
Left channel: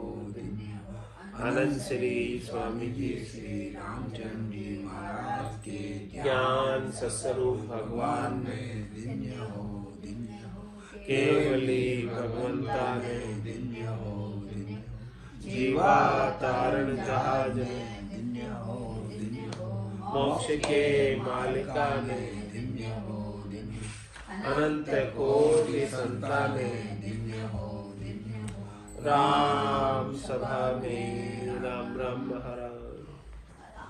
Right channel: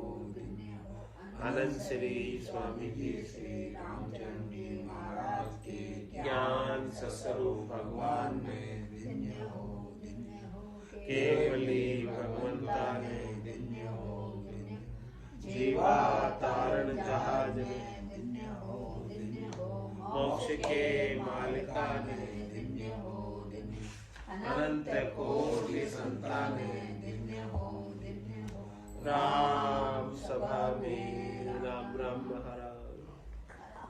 आनंद श्री स्वामी जी श्री रामचरण जी महाराज के ज्ञान सस्वरूप भगवान ने धन्य हो। केवली भगवंता ने धन्य हो। जीवा तारण जहाज ने धन्य हो। मोक्ष के मालिका ने धन्य हो। अनंत कोटि संताने धन्य हो। राम सभा में राम राम महाराज।